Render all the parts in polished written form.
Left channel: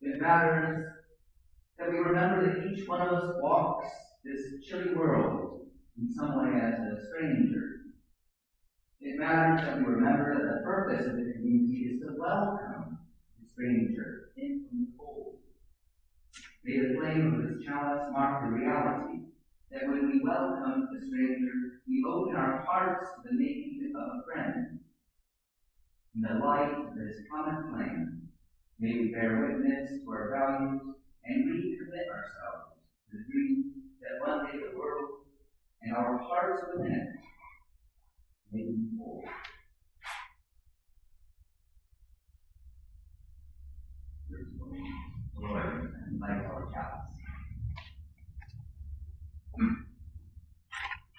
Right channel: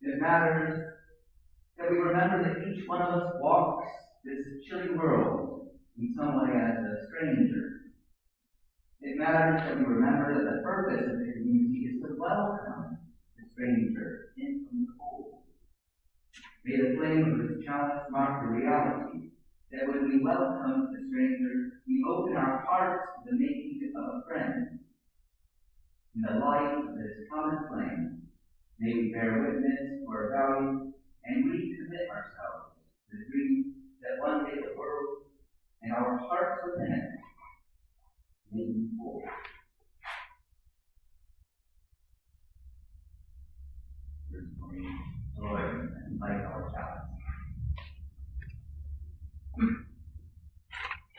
It matters that we remember that each one of us walks this chilly world in some way as a stranger. It matters that we remember that the purpose of the community is to welcome the stranger in from the cold. May the flame of this chalice mark the reality that when we welcome the stranger, we open our hearts to the making of a friend. In the light of this common flame, may we bear witness to our values and recommit ourselves to the dream that one day the world and our hearts within it may be whole. Lord, and light our chalice.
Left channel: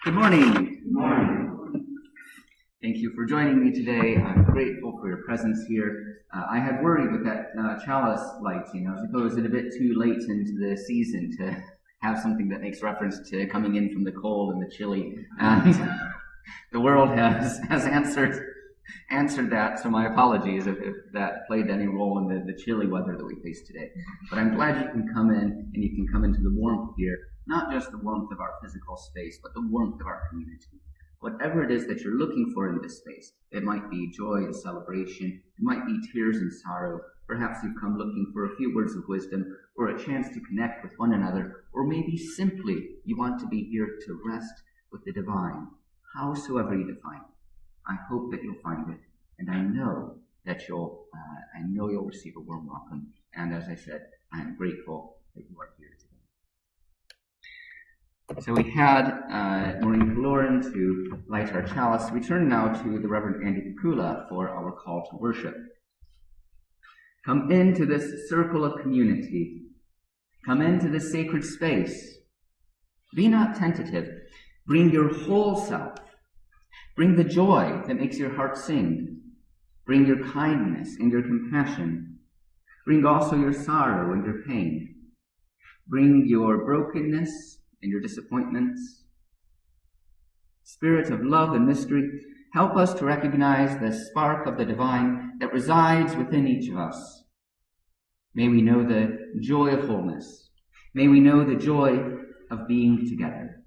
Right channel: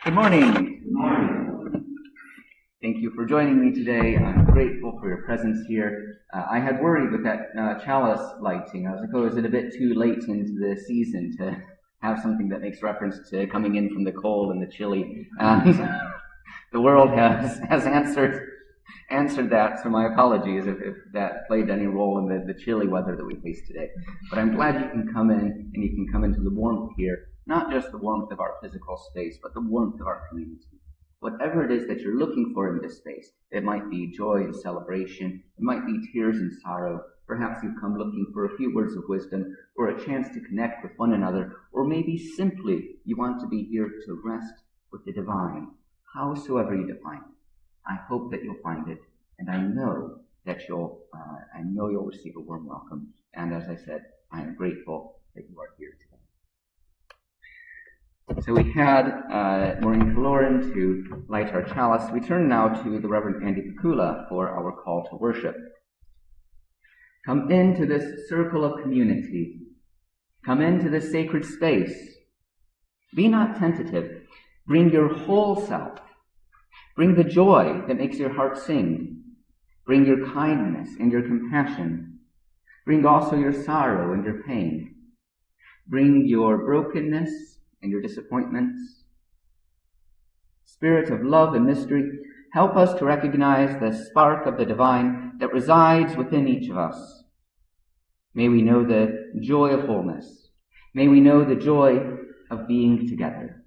Good morning. Good morning. Thank you for joining me today. I'm grateful for your presence here. I had worried with that chalice lighting. I was like, oh, is it a bit too late into the season to have something that makes reference to coming in from the cold and the chilly? And the world has answered that, so my apologies if that played any role in the chilly weather that we face today. But I'm glad you can come in and you can come into the warmth here, not just the warmth of our physical space, but the warmth of our community. Whatever it is that you're looking for in this space, it might be joy and celebration, it might be tears and sorrow, perhaps you've come looking for a few words of wisdom, or a chance to connect with one another, or maybe simply you want to be here to rest with the divine, howsoever you define it. I hope that you'll find it, and I know that you'll receive a warm welcome. And as I said, I am grateful that you are here today. So we had Maureen Kaloran to light our chalice. We turn now to the Reverend Andy Pikula for our call to worship. Come into this circle of community. Come into this sacred space. Be not tentative. Bring your whole self. Bring the joy that makes your heart sing. Bring your kindness and your compassion. Bring also your sorrow and your pain. Bring your brokenness and your disappointments. Spirit of love and mystery, help us to recognize the spark of the divine that resides within each of us. May we know the joy of wholeness. May we know the joy of being together.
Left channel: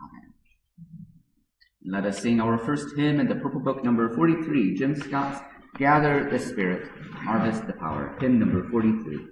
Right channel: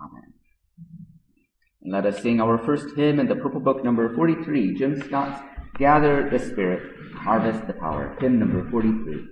Amen. And let us sing our first hymn in the Purple Book, number 43, Jim Scott's Gather the Spirit, Harvest the Power, hymn number 43.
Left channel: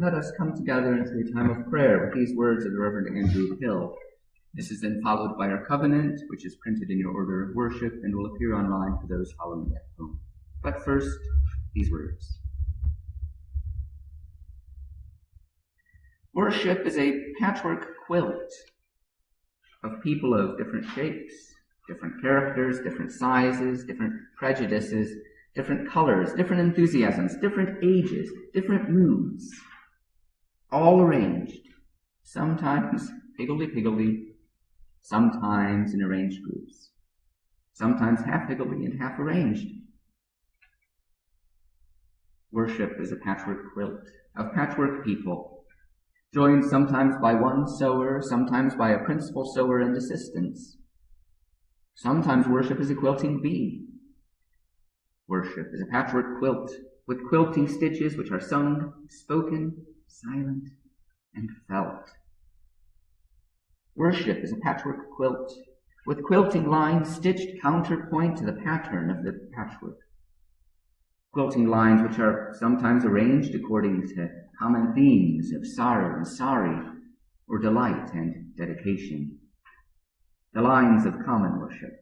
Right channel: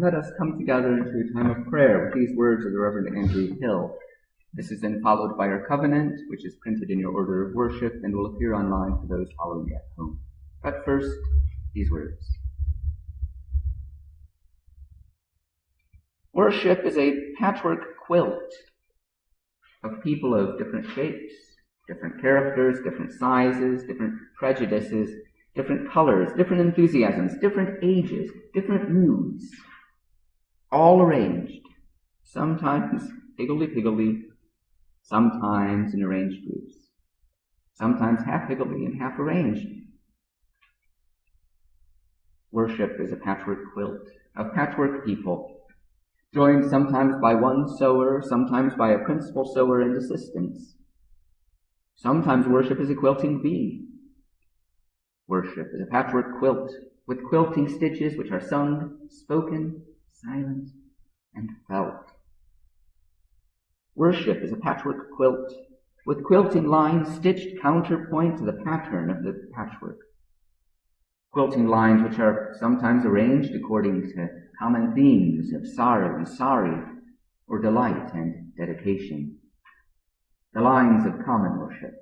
Let us come together into a time of prayer with these words of the Reverend Andrew Hill. This is then followed by our covenant, which is printed in your order of worship and will appear online for those following at home. But first, these words. Worship is a patchwork quilt of people of different shapes, different characters, different sizes, different prejudices, different colors, different enthusiasms, different ages, different moods, all arranged, sometimes higgledy-piggledy, sometimes in arranged groups, sometimes half higgledy and half arranged. Worship is a patchwork quilt of patchwork people, joined sometimes by one sewer, sometimes by a principal sewer and assistants. Sometimes worship is a quilting bee. Worship is a patchwork quilt with quilting stitches which are sung, spoken, silent, and felt. Worship is a patchwork quilt with quilting lines stitched counterpoint to the pattern of the patchwork. Quilting lines which are sometimes arranged according to common themes of sorrow and sorry, or delight and dedication. The lines of common worship.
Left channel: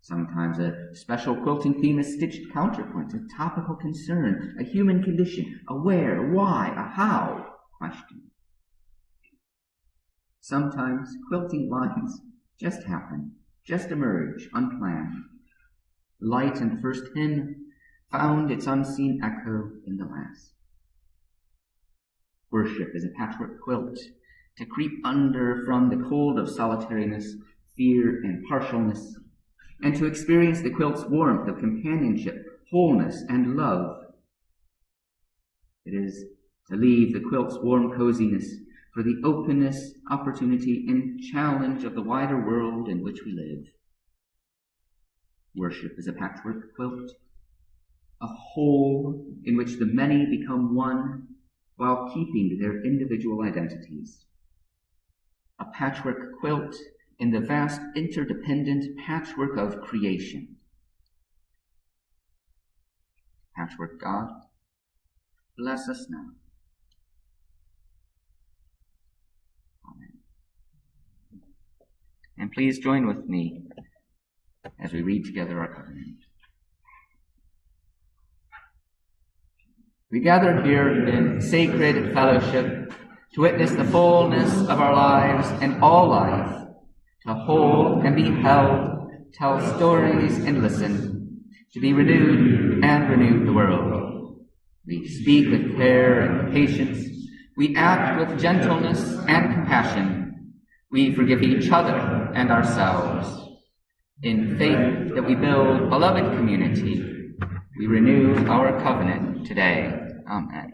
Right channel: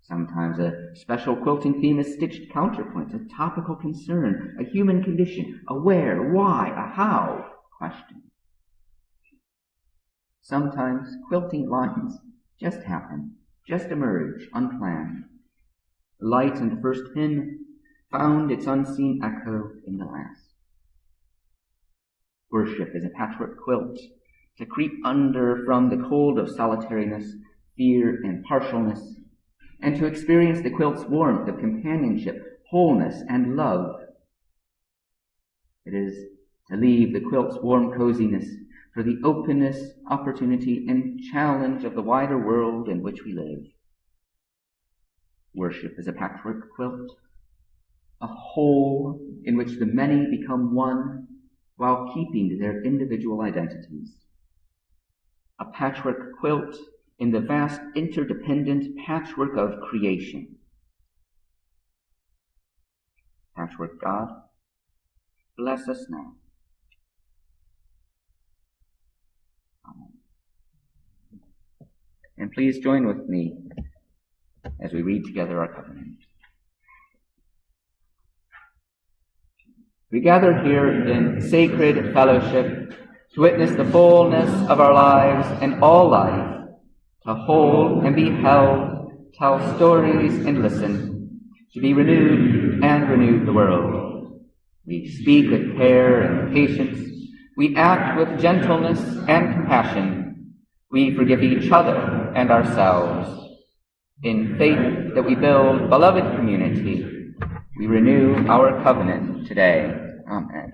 Sometimes a special quilting theme is stitched counterpoint, a topical concern, a human condition, a where, why, a how question. Sometimes quilting lines just happen, just emerge, unplanned. Light in the first hymn found its unseen echo in the last. Worship is a patchwork quilt to creep under from the cold of solitariness, fear, and partialness, and to experience the quilt's warmth of companionship, wholeness, and love. It is to leave the quilt's warm coziness for the openness, opportunity, and challenge of the wider world in which we live. Worship is a patchwork quilt, a whole in which the many become one while keeping their individual identities. A patchwork quilt in the vast interdependent patchwork of creation. Patchwork God, bless us now. Amen. And please join with me as we read together our covenant. We gather here in sacred fellowship to witness the fullness of our lives and all life, to hold and be held, tell stories and listen, to be renewed and renew the world. We speak with care and patience. We act with gentleness and compassion. We forgive each other and ourselves. In faith that we build beloved community, we renew our covenant today. Amen.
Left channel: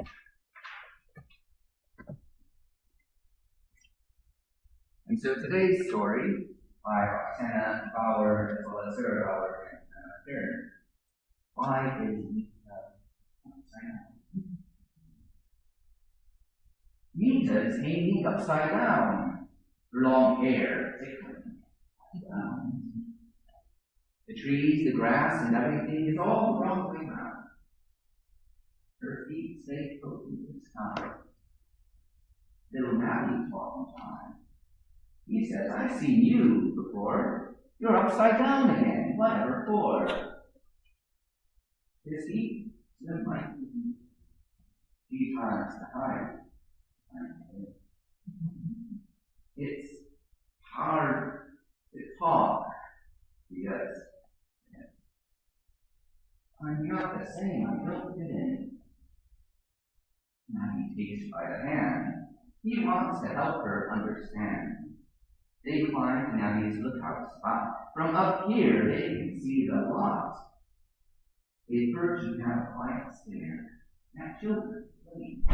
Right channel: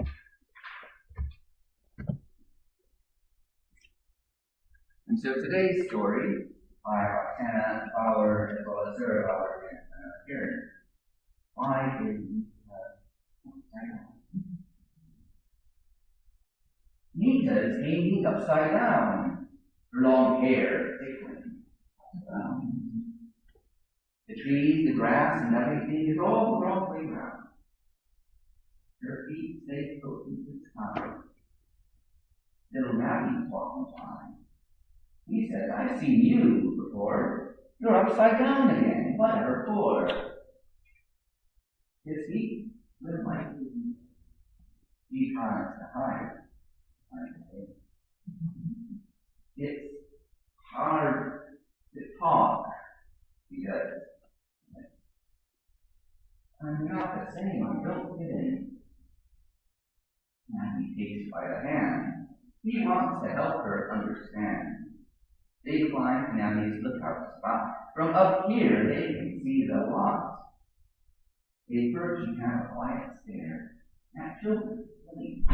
And so today's story by Roxana Bauer as well as Sarah Bauer and Karen. Why is upside down? Nita is hanging upside down. Her long hair tickling. The trees, the grass, and everything is all the wrong way around. Her feet stay close to the sky. Little Nabby's walking by. He says, I've seen you before. You're upside down again. Whatever for? His feet swim like you. He tries to hide. It's hard to talk because I'm not the same. I don't fit in. Nabby takes by the hand. He wants to help her understand. They climb Nabby's lookout spot. From up here, they can see the lot. They perch and have a quiet stare at children playing.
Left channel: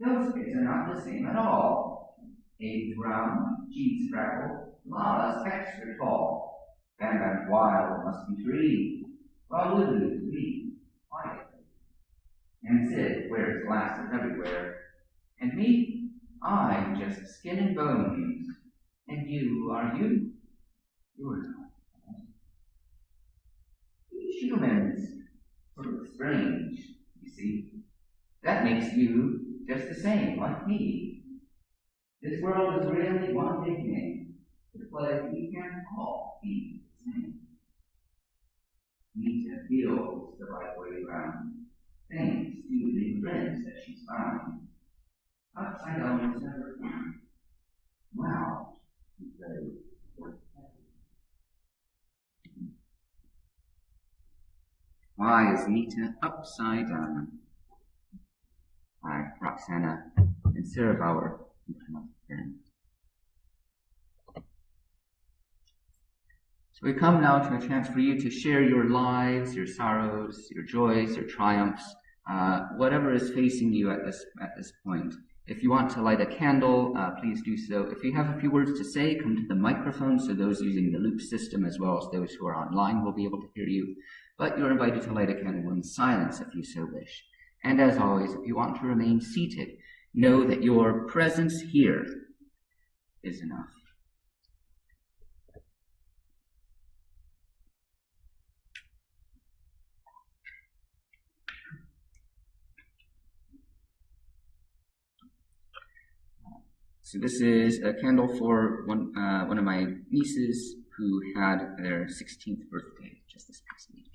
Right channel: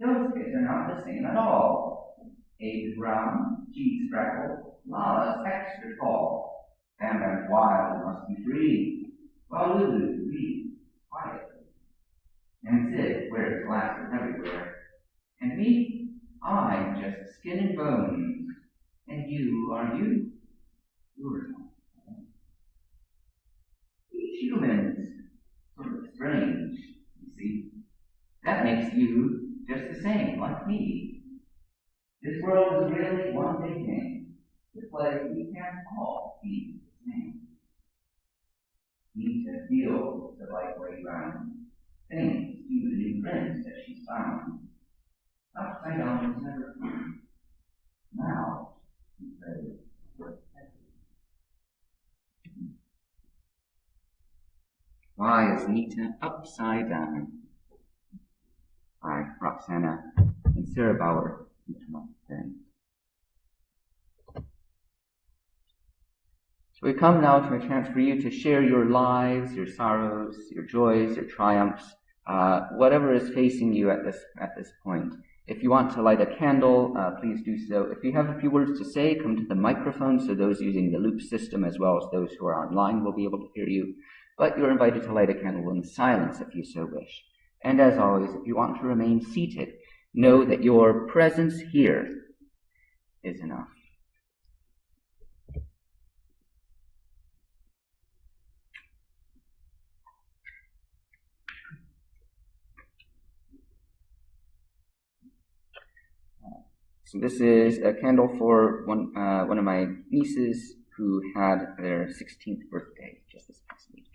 Those kids are not the same at all. Abe is round, cheeks freckled, Lala's extra tall. Bam Bam's wild and must be free, while Lulu's weak, quietly. And Sid wears glasses everywhere. And me? I'm just skin and bones. And you, are you? You're not. Each human's sort of strange, you see. That makes you just the same, like me. This world is really one big game. The play we can't all be the same. Nita feels the right way round, thanks to the new friends that she's found. Upside down was never fun. Now, she's ready for everything. Why is Nita Upside Down? By Roxana and Sarah Bauer. So we come now to a chance for you to share your lives, your sorrows, your joys, your triumphs, whatever is facing you at this point. If you want to light a candle, please do so. If you have a few words to say, come to the microphone so those using the loop system as well as those who are online will be able to hear you. But you're invited to light a candle in silence if you so wish. And as always, if you want to remain seated, know that your presence here is enough. So this is a candle for one of my nieces who had their 16th birthday just this past week.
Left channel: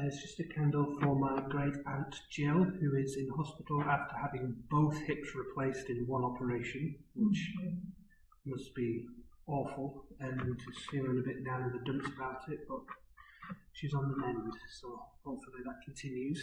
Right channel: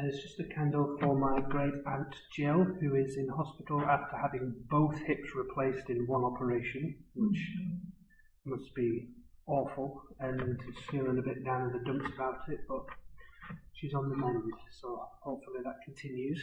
It's just a candle for my great aunt Jill, who is in hospital after having both hips replaced in one operation, which must be awful, and is feeling a bit down in the dumps about it, but she's on the mend, so hopefully that continues.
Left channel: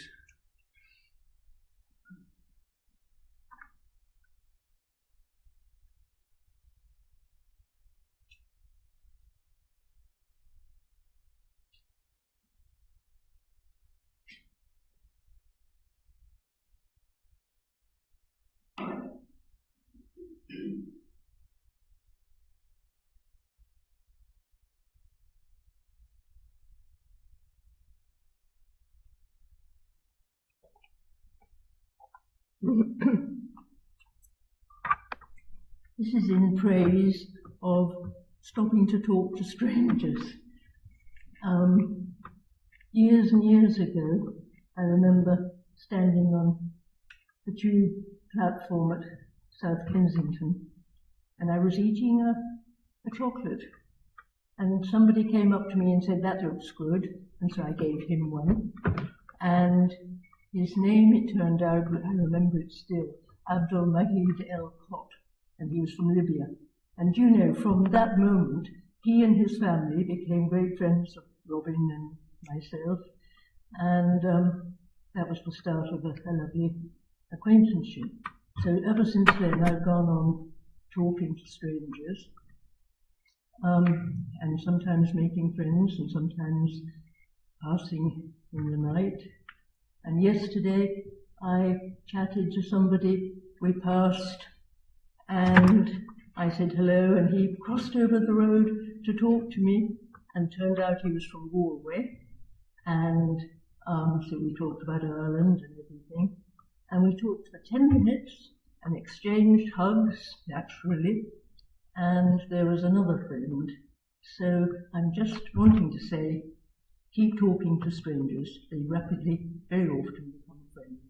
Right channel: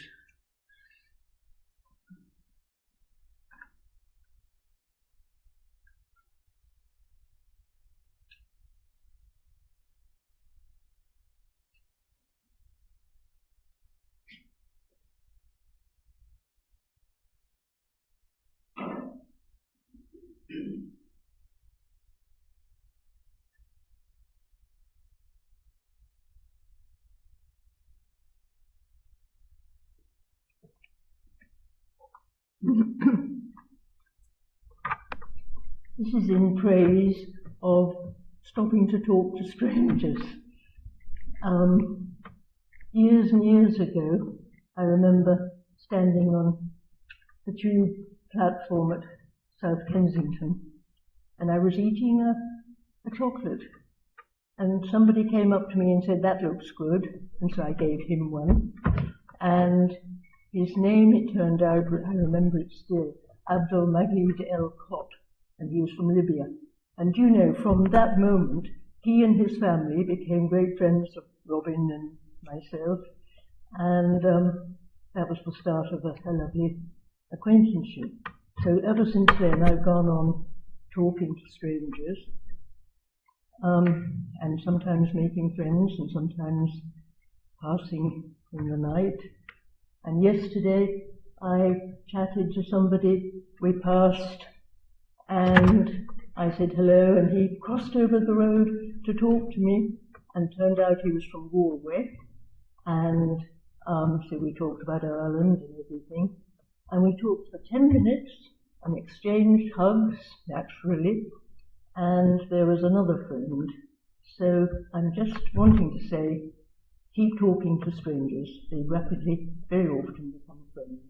This is in praise of stopping to talk to strangers. Years and years ago, I remember standing on the tube platform at South Kensington, and I was eating a chocolate, and somebody came up to me and said, "That looks good," and so I gave him one, and his name, it turned out, I remember it still, Abdul Mahid El Kot, and he was from Libya. And you know, from that moment, he and his family became great friends of Robin and myself, and that was the start of a lovely acquaintanceship. So ever since then, I've gone on talking to strangers, and sometimes making friends, and sometimes passing in the night. And yesterday, I chatted to somebody, we passed, and I said hello, and he crossed over the road to talk to me, and turned out he was from Galway, and so we talked about Ireland and everything, and we talked for 10 minutes and exchanged hugs, naturally, and there was another friend. So I'm just wanting to say, keep talking to strangers. They rapidly, very often become friends.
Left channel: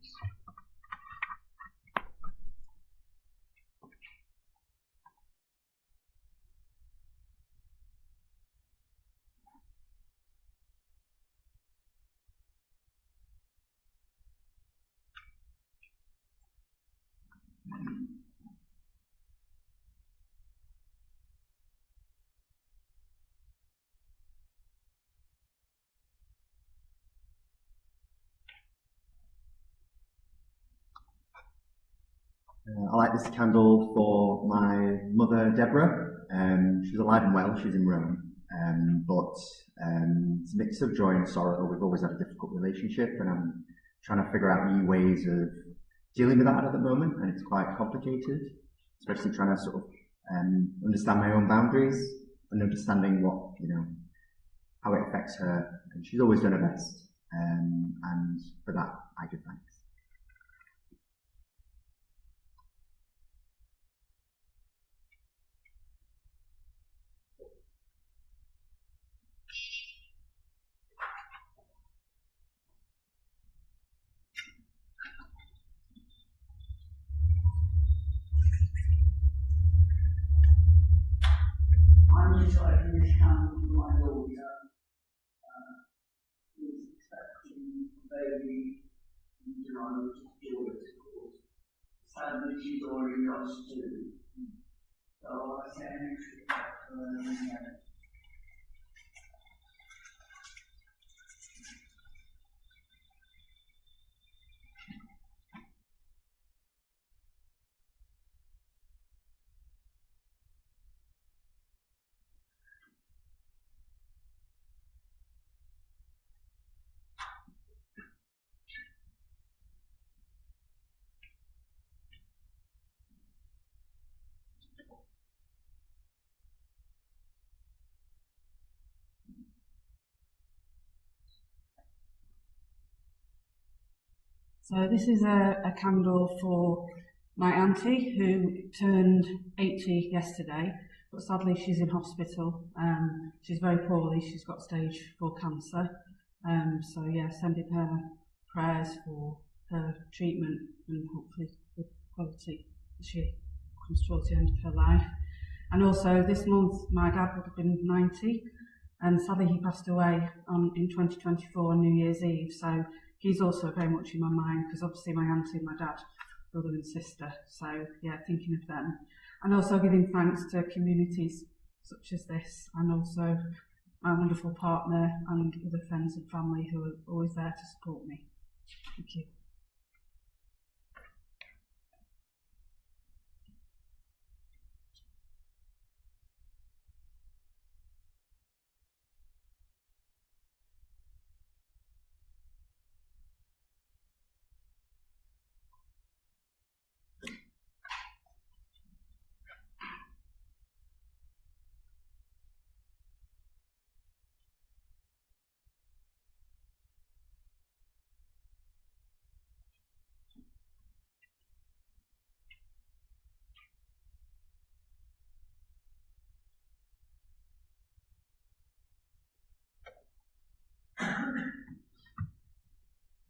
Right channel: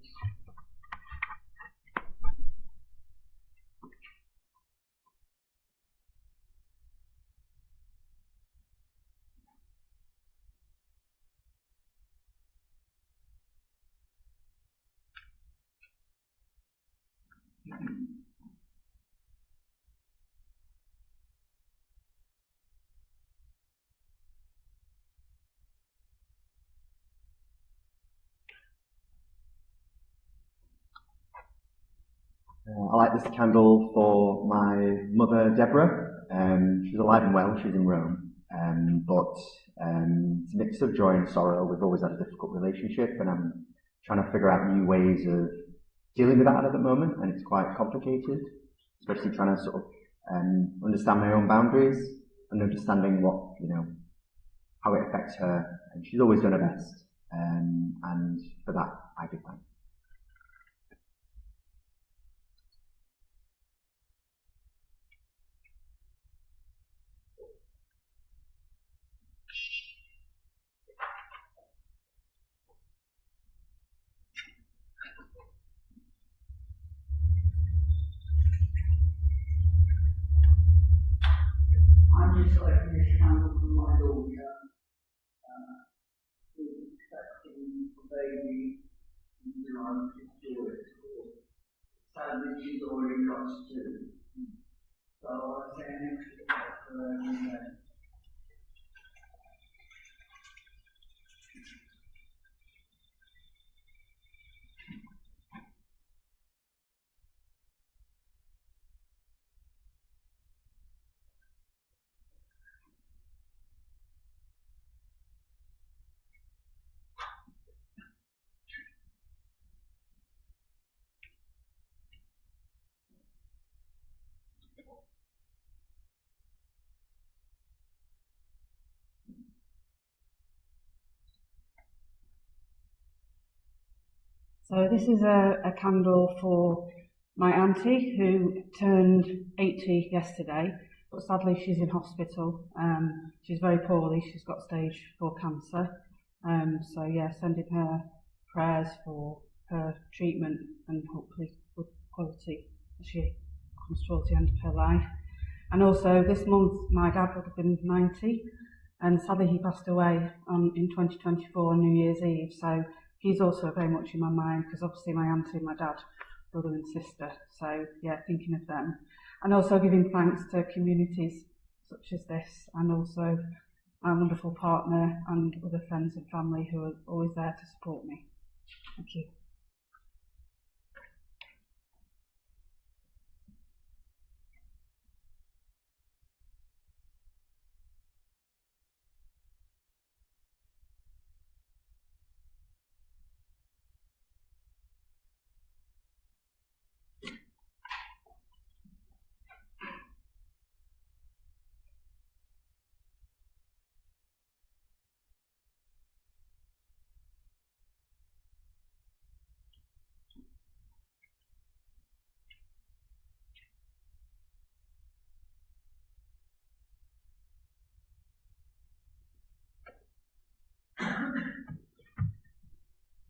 I light this candle for my mother, Deborah. She's alive and well, she's in Rome, but it's a mix of joy and sorrow. We've always had a difficult relationship, and I'm trying to figure out new ways of dealing with that at the moment, and it's quite complicated, especially trying to sort of understand my own boundaries and understanding what, how it affects her, and she's always done her best, and for that I give thanks. baby in July, which is Joyce, of course. Sadly, she's already lost two. So I say an extra prayer for her every day. So this is a candle for my auntie who turned 80 yesterday, but sadly she's in hospital. She's very poorly, she's got stage 4 cancer. So yeah, sending her prayers for her treatment and hopefully good quality as she comes towards the end of her life. And also this month my dad would have been 90, and sadly he passed away in 2024 on New Year's Eve. So he's also very much in my mind, because obviously my auntie and my dad, brother and sister. So yeah, thinking of them. And also giving thanks to communities such as this, and also my wonderful partner and other friends and family who are always there to support me. Thank you.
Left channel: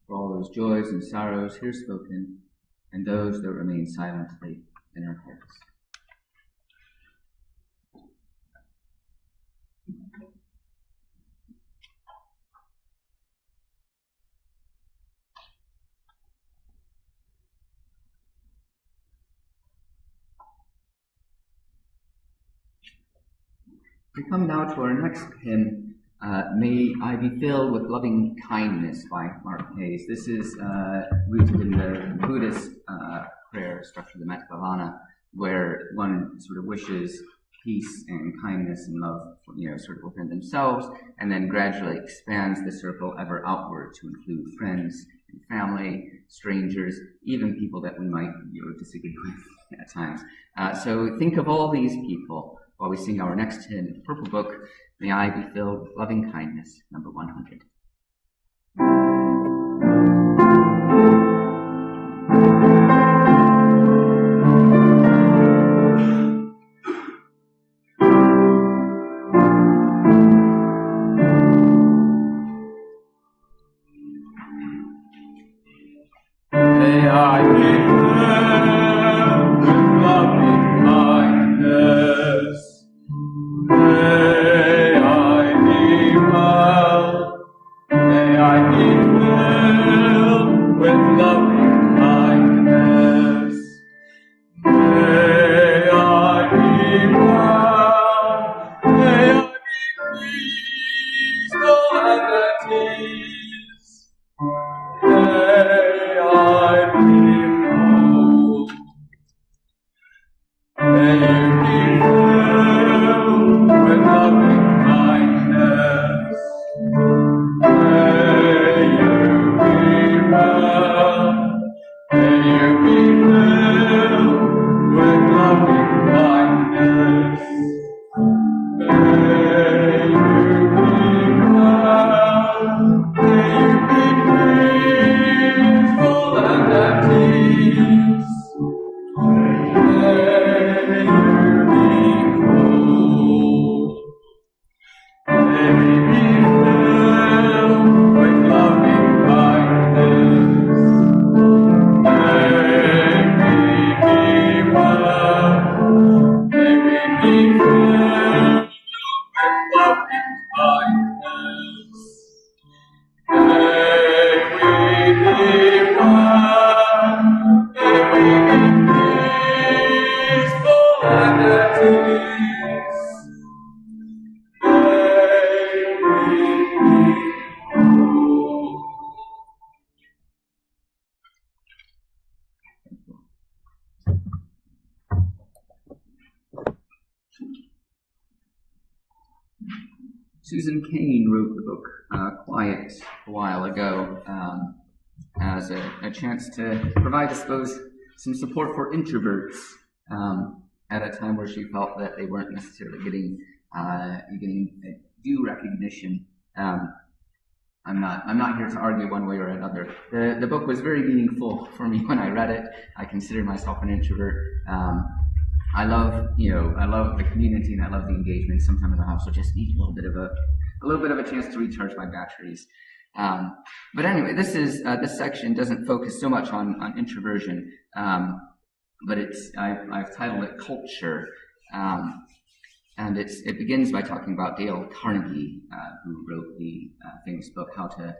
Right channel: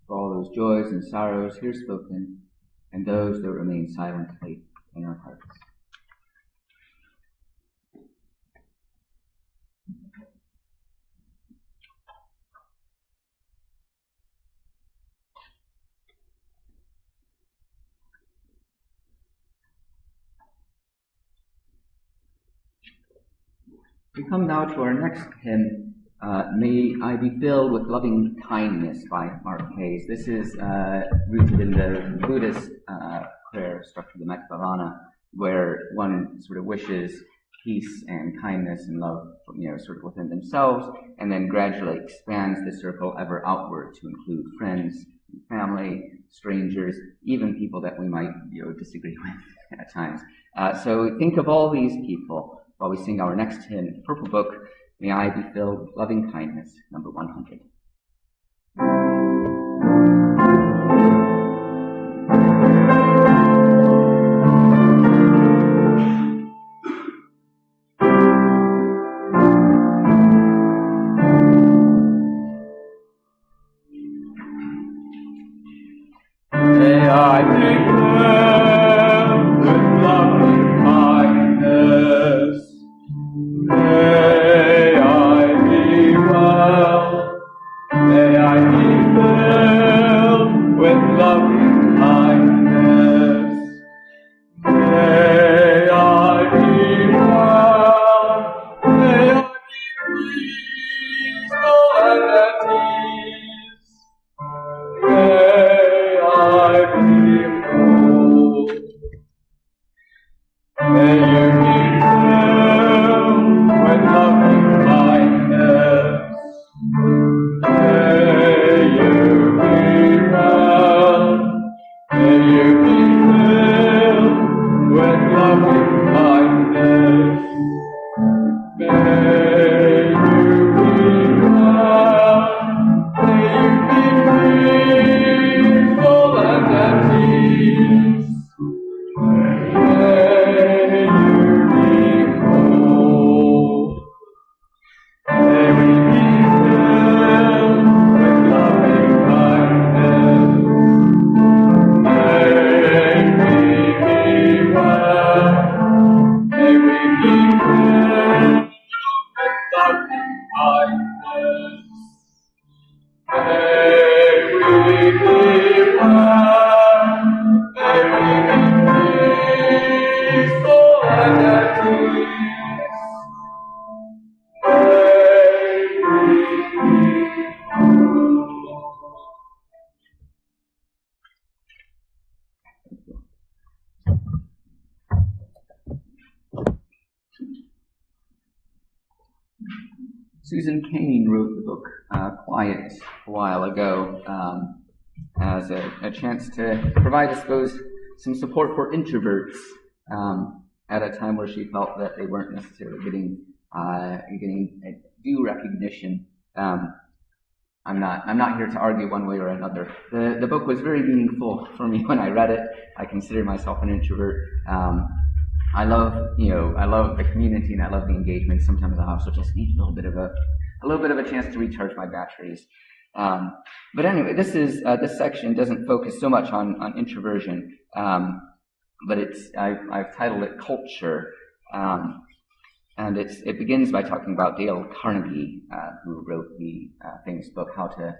For all those joys and sorrows here spoken, and those that remain silently in our hearts. We come now to our next hymn, May I Be Filled with Loving Kindness by Mark Hayes. This is rooted in the Buddhist prayer structure, the Mettavana, where one sort of wishes peace and kindness and love, sort of within themselves, and then gradually expands the circle ever outward to include friends and family, strangers, even people that we might disagree with at times. So think of all these people while we sing our next hymn, Purple Book, May I Be Filled with Loving Kindness, number 100. May I be filled with loving kindness. May I be well. May I be filled with loving kindness. May I be well. May I be peaceful and at ease. May I be whole. May you be filled with loving kindness. May you be well. Susan Cain wrote the book Quiet a while ago as a chance to provide, I suppose, some support for introverts at a time where she felt that they weren't necessarily getting due recognition. I'm not here to argue one way or another. The book was very meaningful for me when I read it. I consider myself an introvert. I love the community and I love the engagement. Sometimes I also just need a little bit of a chance to recharge my batteries. But anyway, this section doesn't focus so much on introversion, but I've titled it Culture, and it begins by talking about Dale Carnegie, who wrote the famous book How to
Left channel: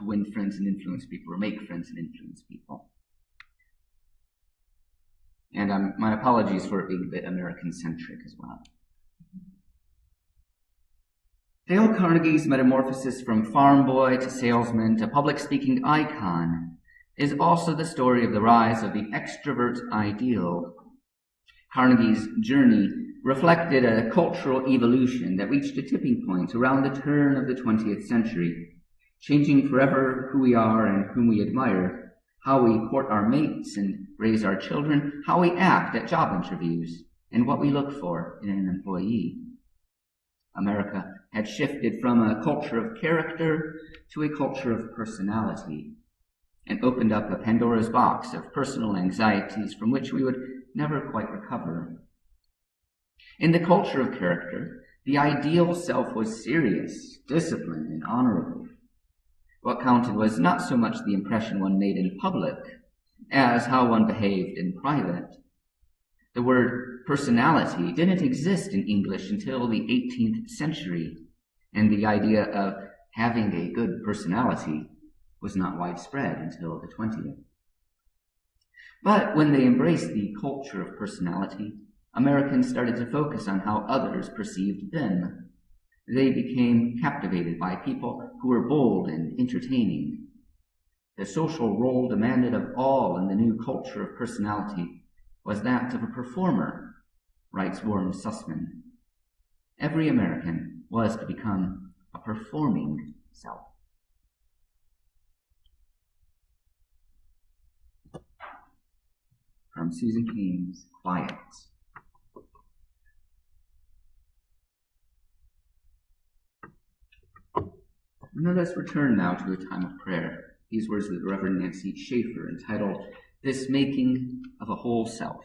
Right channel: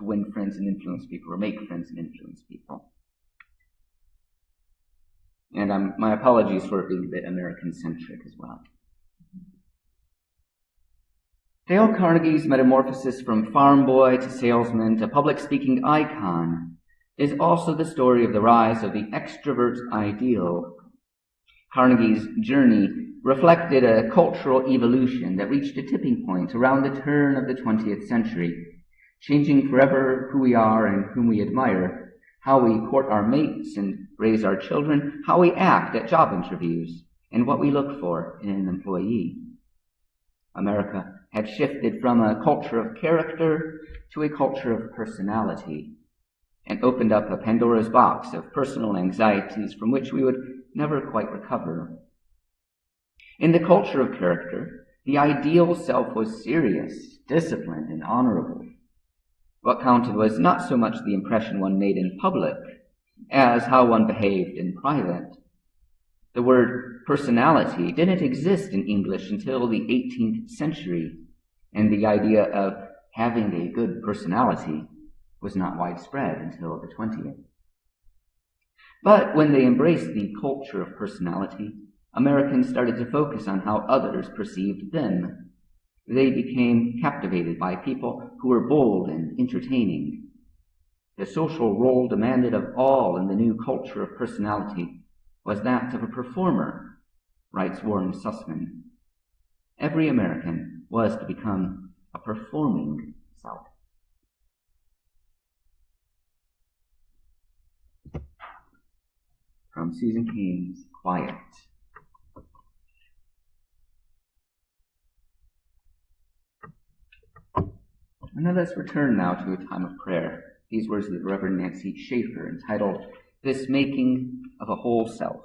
Win Friends and Influence People, or Make Friends and Influence People. And my apologies for it being a bit American-centric as well. Dale Carnegie's metamorphosis from farm boy to salesman to public-speaking icon is also the story of the rise of the extrovert ideal. Carnegie's journey reflected a cultural evolution that reached a tipping point around the turn of the 20th century, changing forever who we are and whom we admire, how we court our mates and raise our children, how we act at job interviews, and what we look for in an employee. America had shifted from a culture of character to a culture of personality, and opened up a Pandora's box of personal anxieties from which we would never quite recover. In the culture of character, the ideal self was serious, disciplined, and honorable. What counted was not so much the impression one made in public as how one behaved in private. The word personality didn't exist in English until the 18th century, and the idea of having a good personality was not widespread until the 20th. But when they embraced the culture of personality, Americans started to focus on how others perceived them. They became captivated by people who were bold and entertaining. The social role demanded of all in the new culture of personality was that of a performer, writes Warren Sussman. Every American was to become a performing self. From Susan Cain's Quiet. And let us return now to a time of prayer. These words of the Reverend Nancy Schaefer, entitled, This Making of a Whole Self.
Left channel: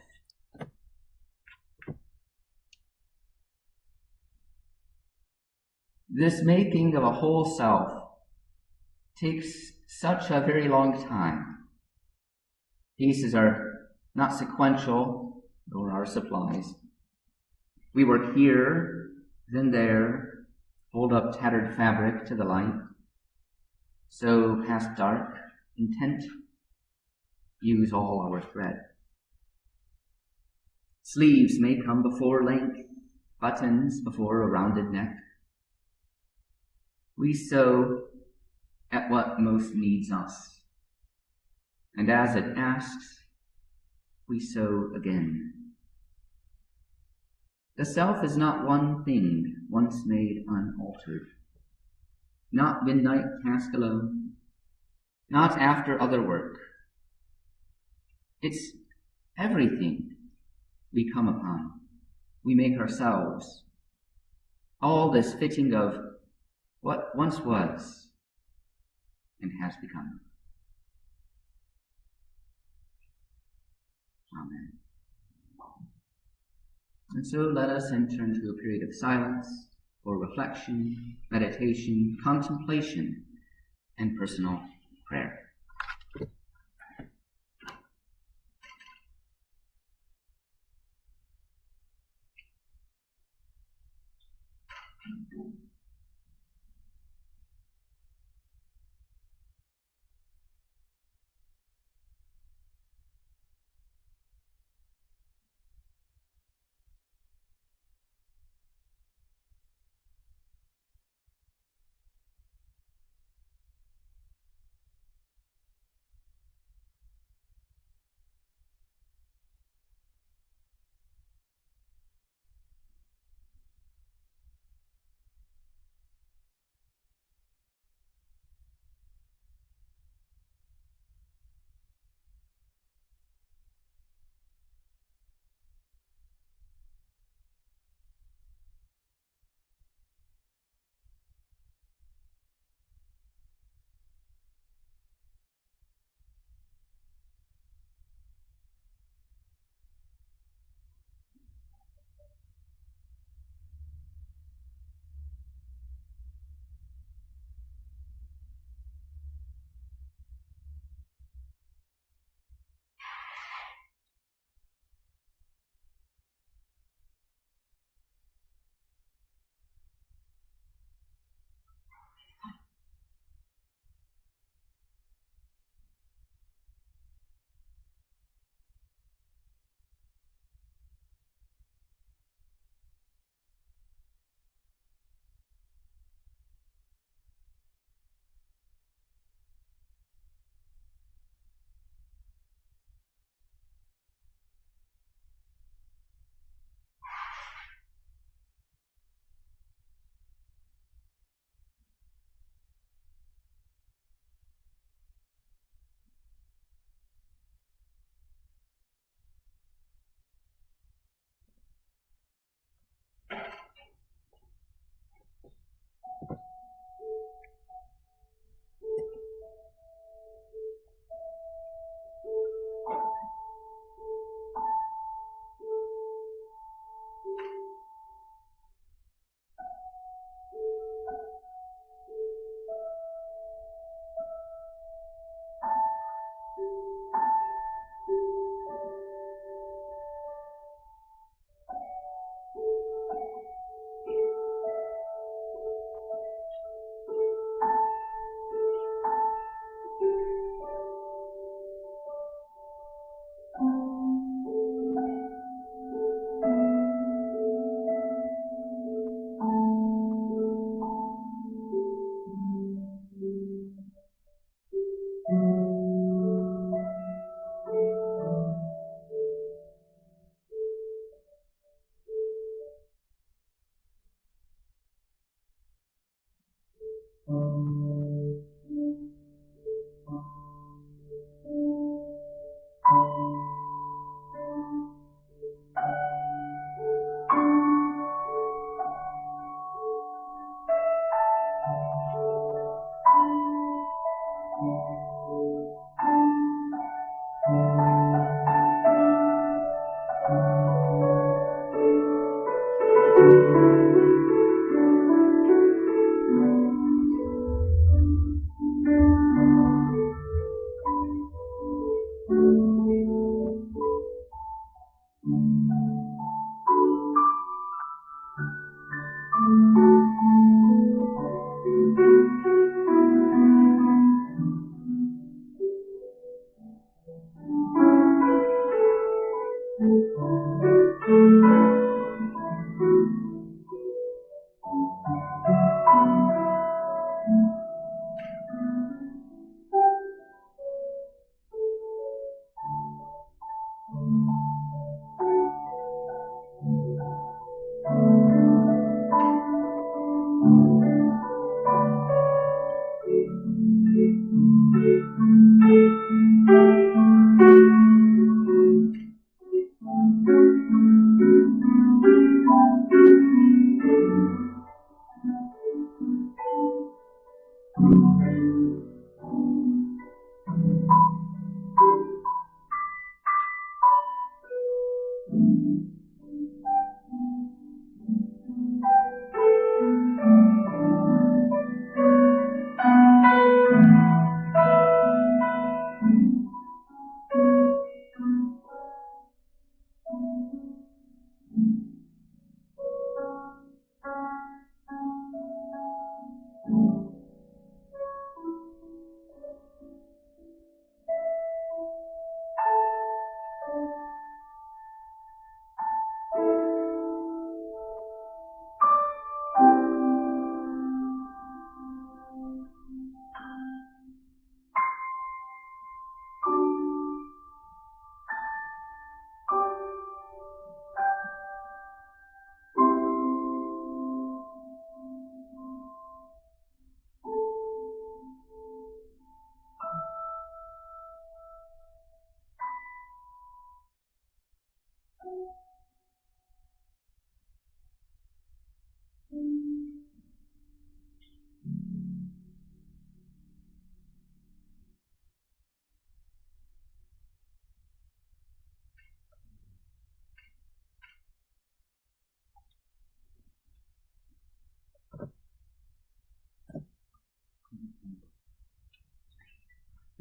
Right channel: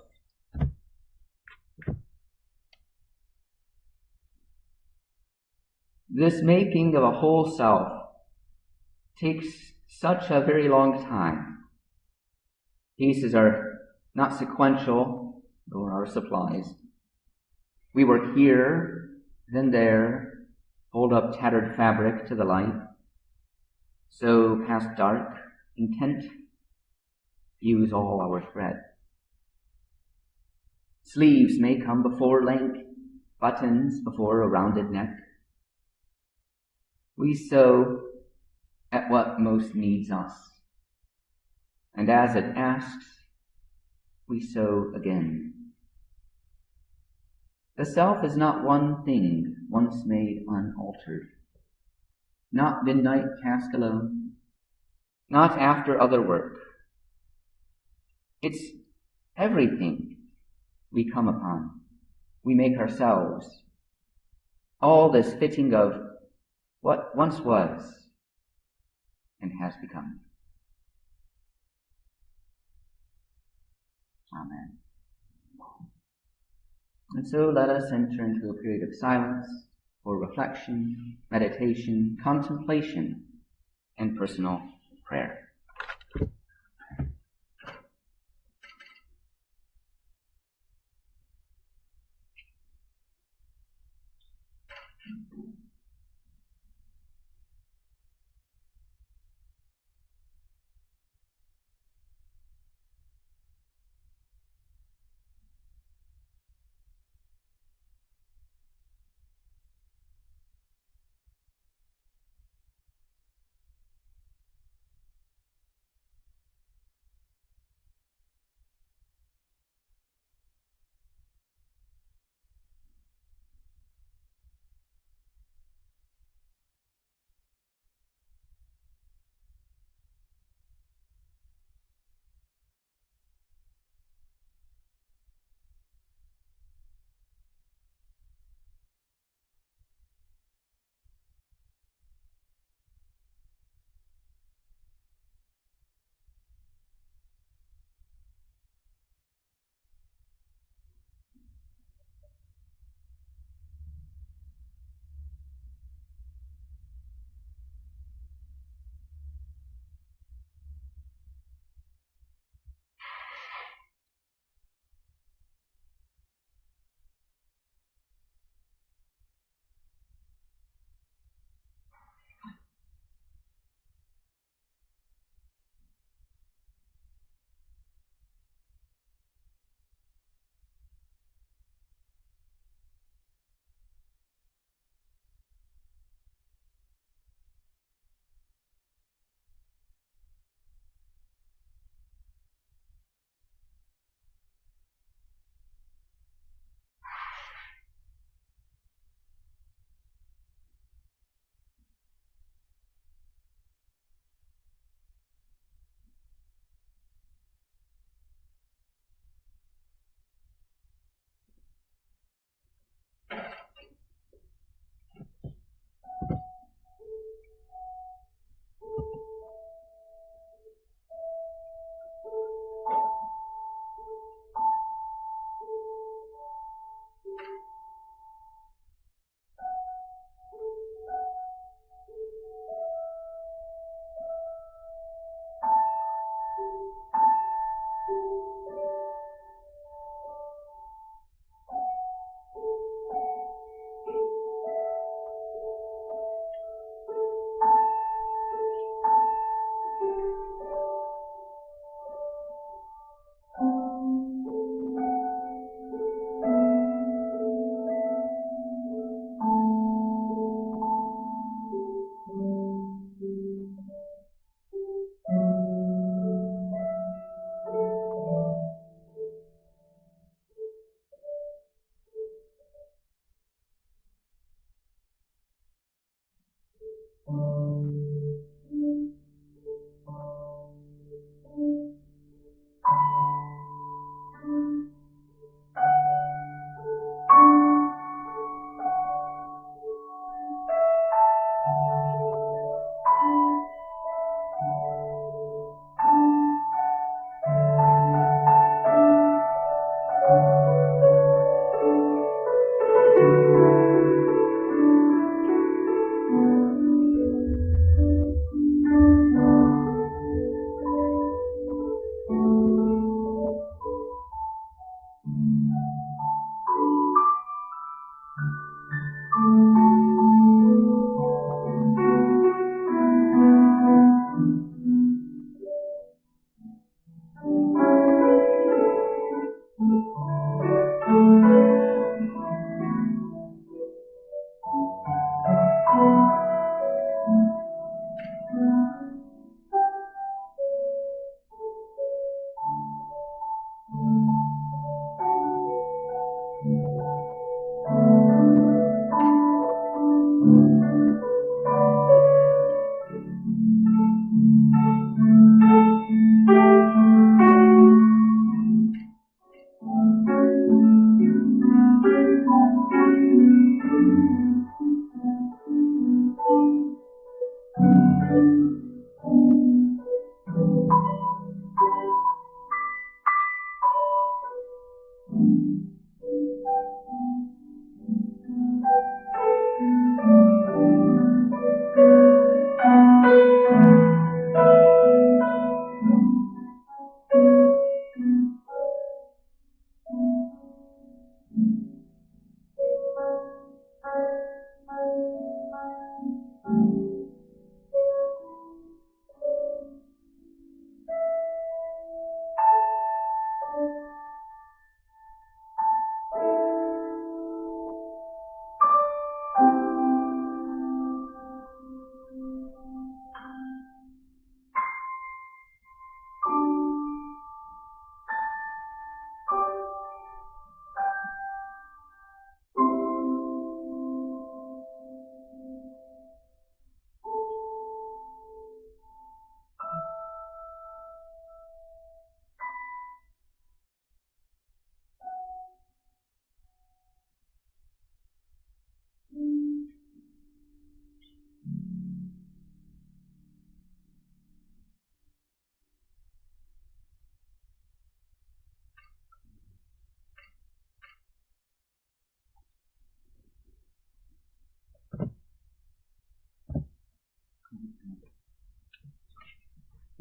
This making of a whole self takes such a very long time. Pieces are not sequential, nor are supplies. We work here, then there, hold up tattered fabric to the light, sew past dark, intent, use all our thread. Sleeves may come before length, buttons before a rounded neck. We sew at what most needs us, and as it asks, we sew again. The self is not one thing once made unaltered, not midnight task alone, not after other work. It's everything we come upon, we make ourselves. All this fitting of what once was and has become. Amen. And so let us enter into a period of silence for reflection, meditation, contemplation, and personal prayer.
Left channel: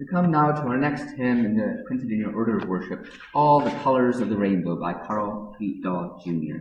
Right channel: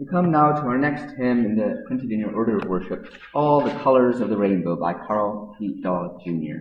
We come now to our next hymn printed in your order of worship, All the Colors of the Rainbow by Carl Pete Daw Jr.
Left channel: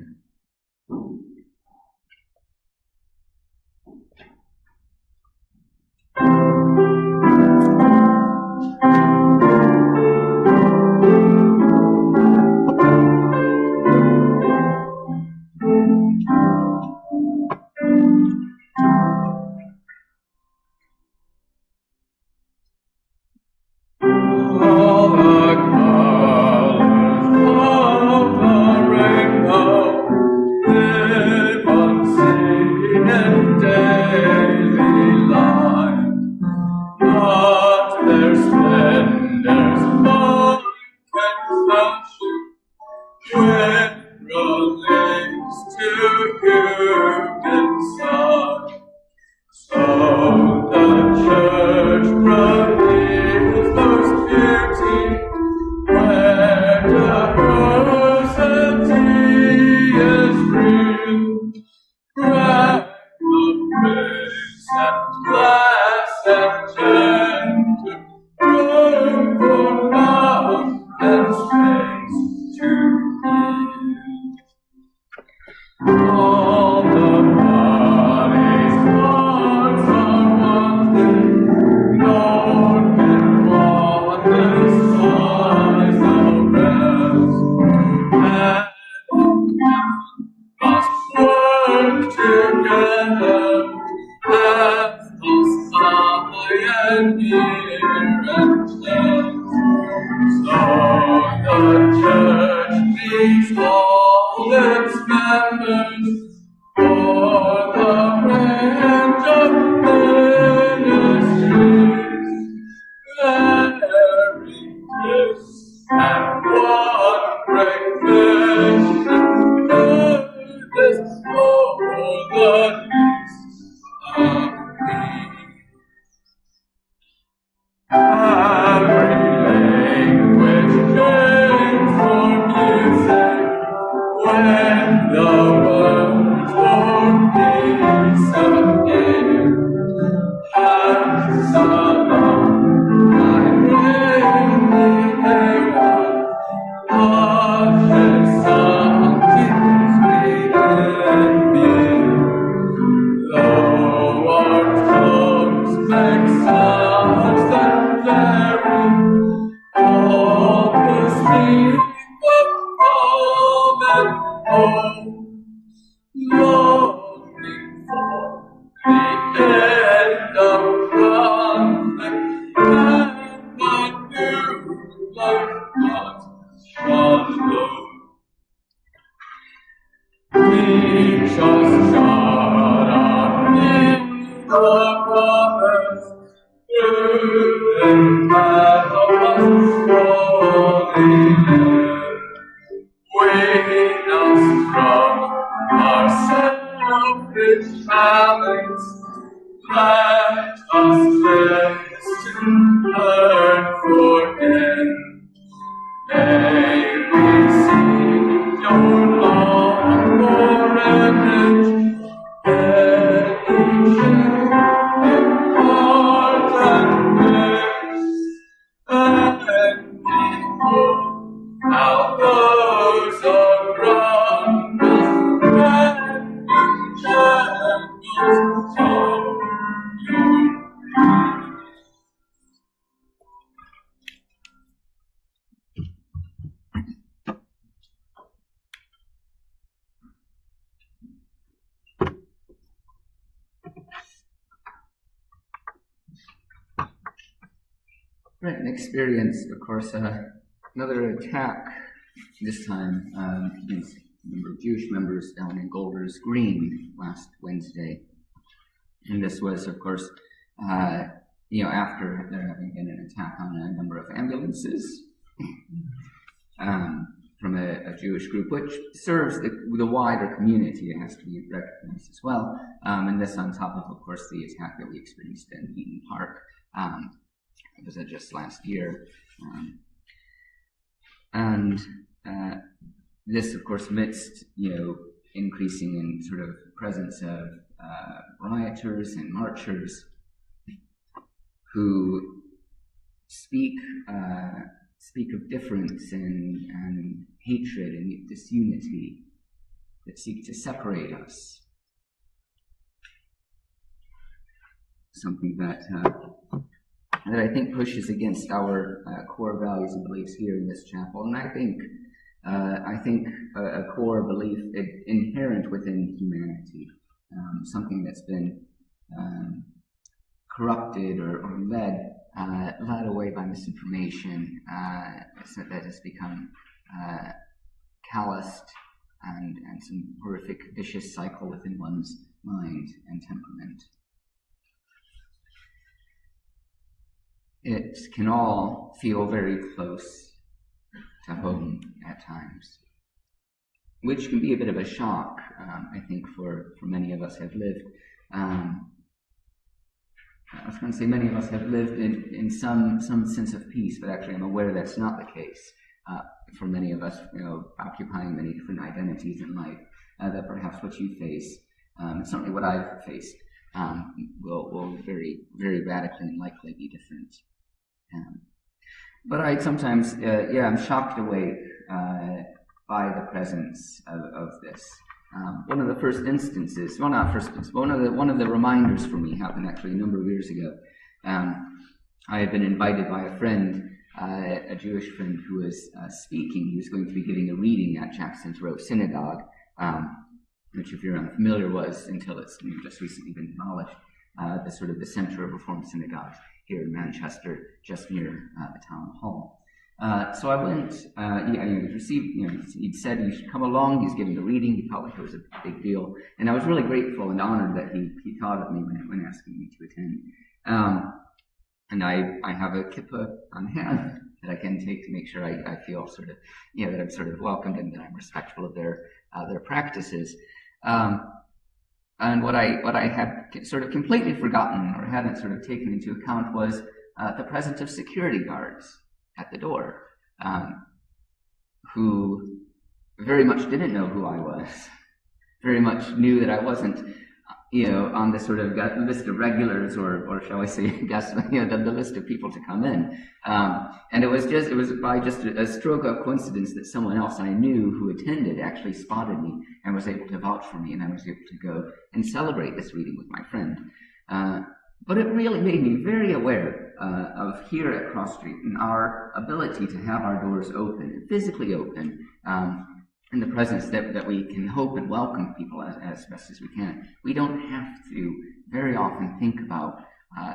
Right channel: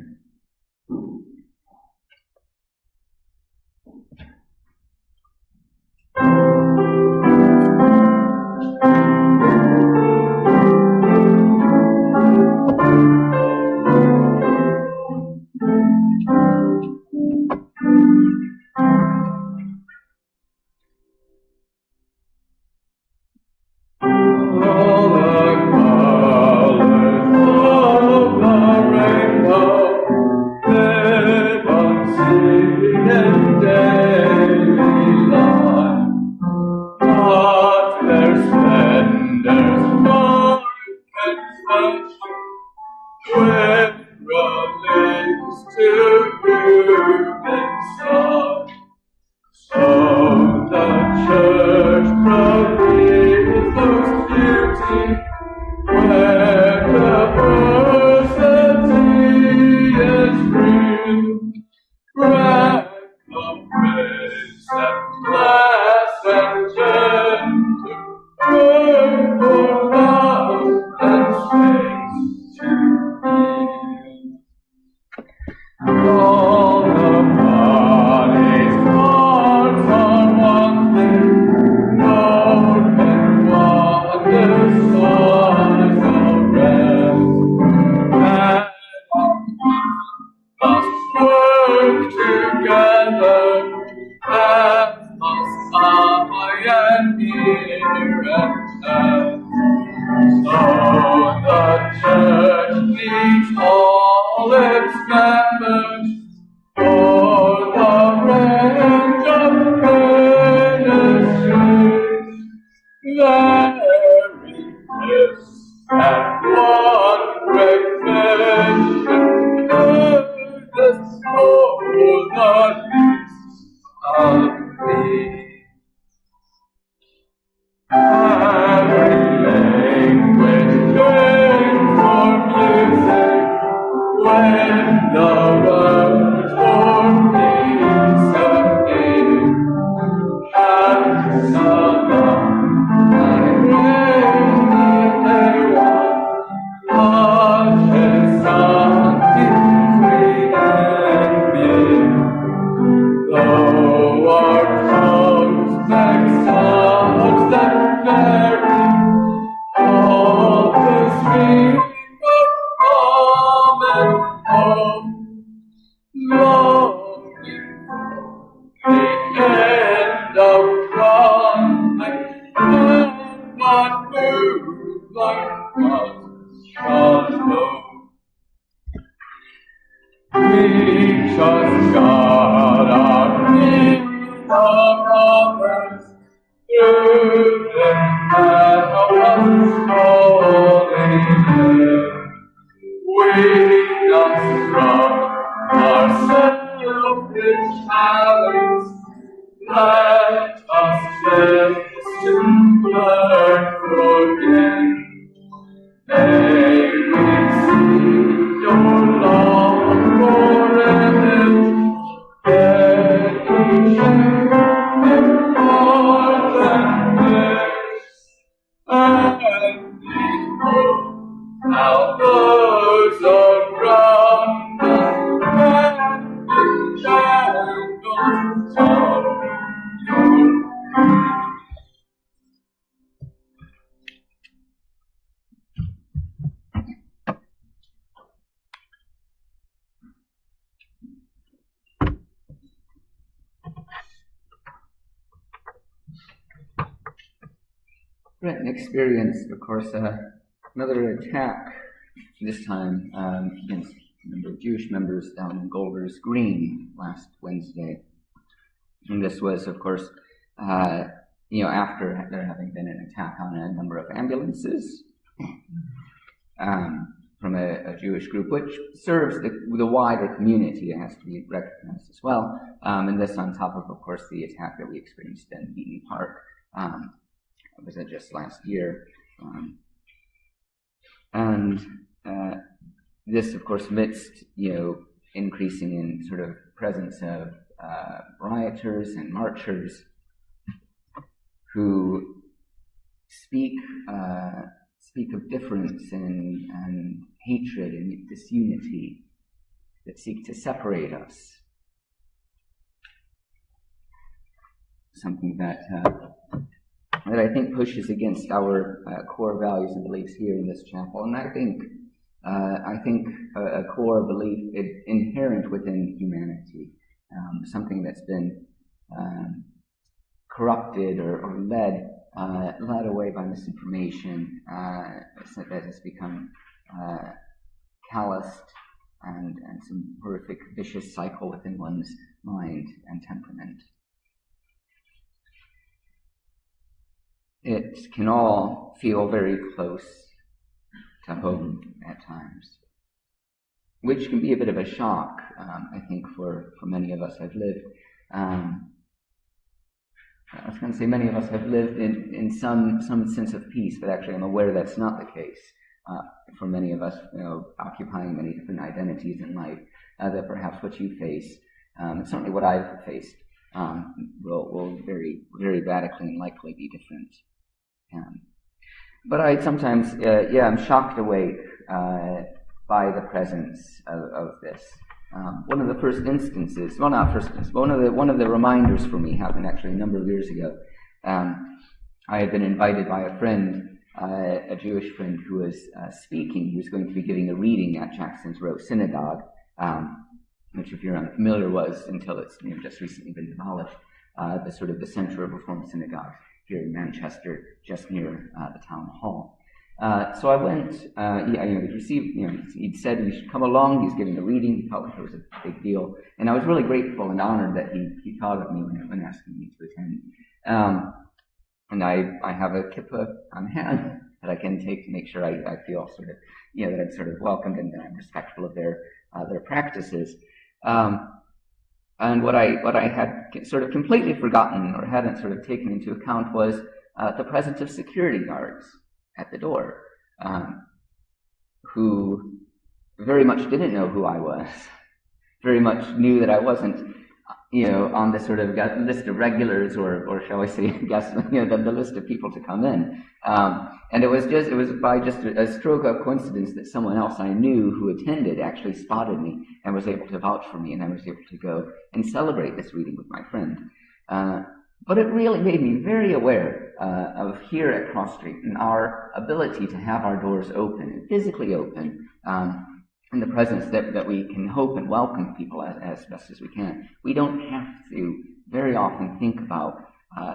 Brent experienced, of course, another attack, this time against a number of Jewish members down in Golders Green last Wednesday. And this was, of course, after there having been an attack on a number of ambulances from a Jewish group, which serves the wider community. It has to be recognized as well. And this on top of course, the attack that we experienced in Eaton Park. Was it just last year? This, of course, amidst increasing in sort of presence of rioters and marchers who speak of difference and hatred and disunity, that seek to separate us. Something that I think pushes against our core values and beliefs here in this chapel, and I think a core belief inherent within humanity, something that's been corrupted or led away by misinformation, that has become calloused and some horrific vicious cycle within one's mind and temperament. It can all feel very close to home at times, which can be a bit of a shock, I think, for many of us have lived. I was going to say many of us have lived in some sense of peace, but actually I'm aware that's not the case. For many of us, occupying many different identities in life, that perhaps what you face, and certainly what I've faced, will very, very radically and likely be different. But I sometimes, I'm shocked awake by the presence of this. One of the first instances, well, not first instance, but one of the reminders for me happened actually a number of years ago. I had been invited by a friend, a Jewish friend who was speaking. He was going to be giving a reading at Jackson's Row Synagogue, which, if you're unfamiliar, was, until it's just recently been demolished, the center of Reformed synagogues here in Manchester, just near the town hall. So I went. He'd received. He'd said he should come along. He was giving a reading. He felt like it was a big deal, and I was really grateful and honored that he thought of me when asking me to attend. And I have a kippah on hand that I can take to make sure I feel sort of, that I'm sort of welcomed and that I'm respectful of their practices. And what I had sort of completely forgotten or hadn't sort of taken into account was the presence of security guards at the door, who very much didn't know who I was, very much knew that I wasn't, on the sort of list of regulars or shall I say, the list of people to come in. And it was by just a stroke of coincidence that someone else I knew who attended actually spotted me and was able to vouch for me, and I was able to go and celebrate this reading with my friend. But it really made me very aware of here at Cross Street and our ability to have our doors open, physically open, in the presence that we can hope and welcome people as best as we can. We don't have to very often think about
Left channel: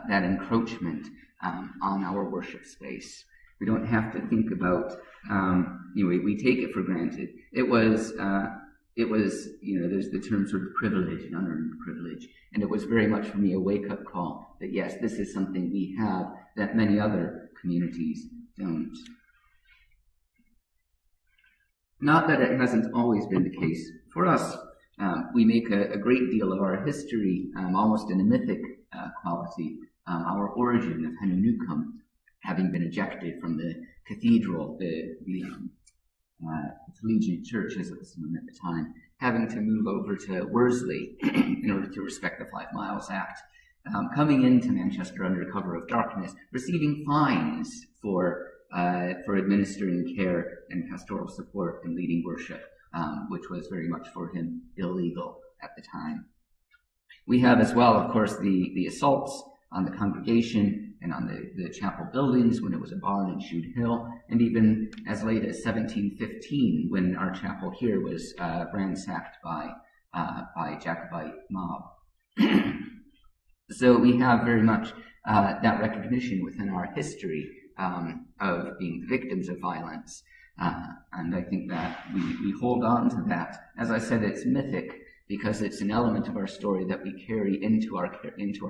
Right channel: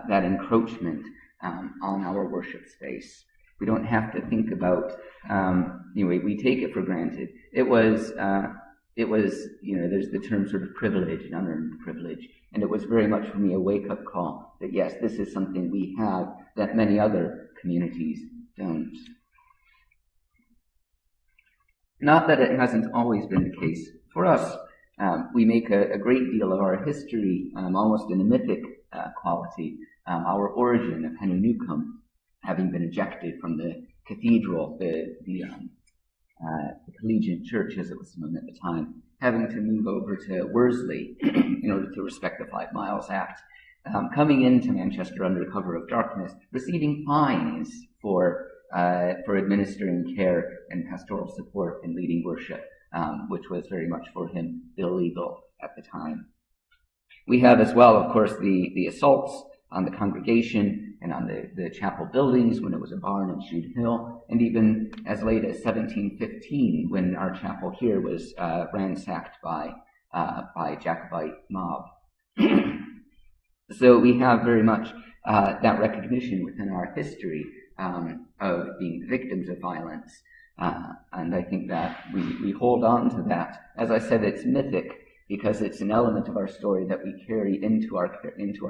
that encroachment on our worship space. We don't have to think about, we take it for granted. It was, there's the term sort of privilege and unearned privilege. And it was very much for me a wake-up call that, yes, this is something we have that many other communities don't. Not that it hasn't always been the case. For us, we make a great deal of our history, almost in a mythic quality, our origin of Hanunukum, having been ejected from the cathedral, the collegiate church as it was known at the time, having to move over to Worsley in order to respect the 5 Miles Act, coming into Manchester under cover of darkness, receiving fines for administering care and pastoral support and leading worship, which was very much for him illegal at the time. We have as well, of course, the assaults on the congregation and on the chapel buildings when it was a barn in Shude Hill, and even as late as 1715 when our chapel here was ransacked by Jacobite mob. So we have very much that recognition within our history of being victims of violence, and I think that we hold on to that. As I said, it's mythic because it's an element of our story that we carry into our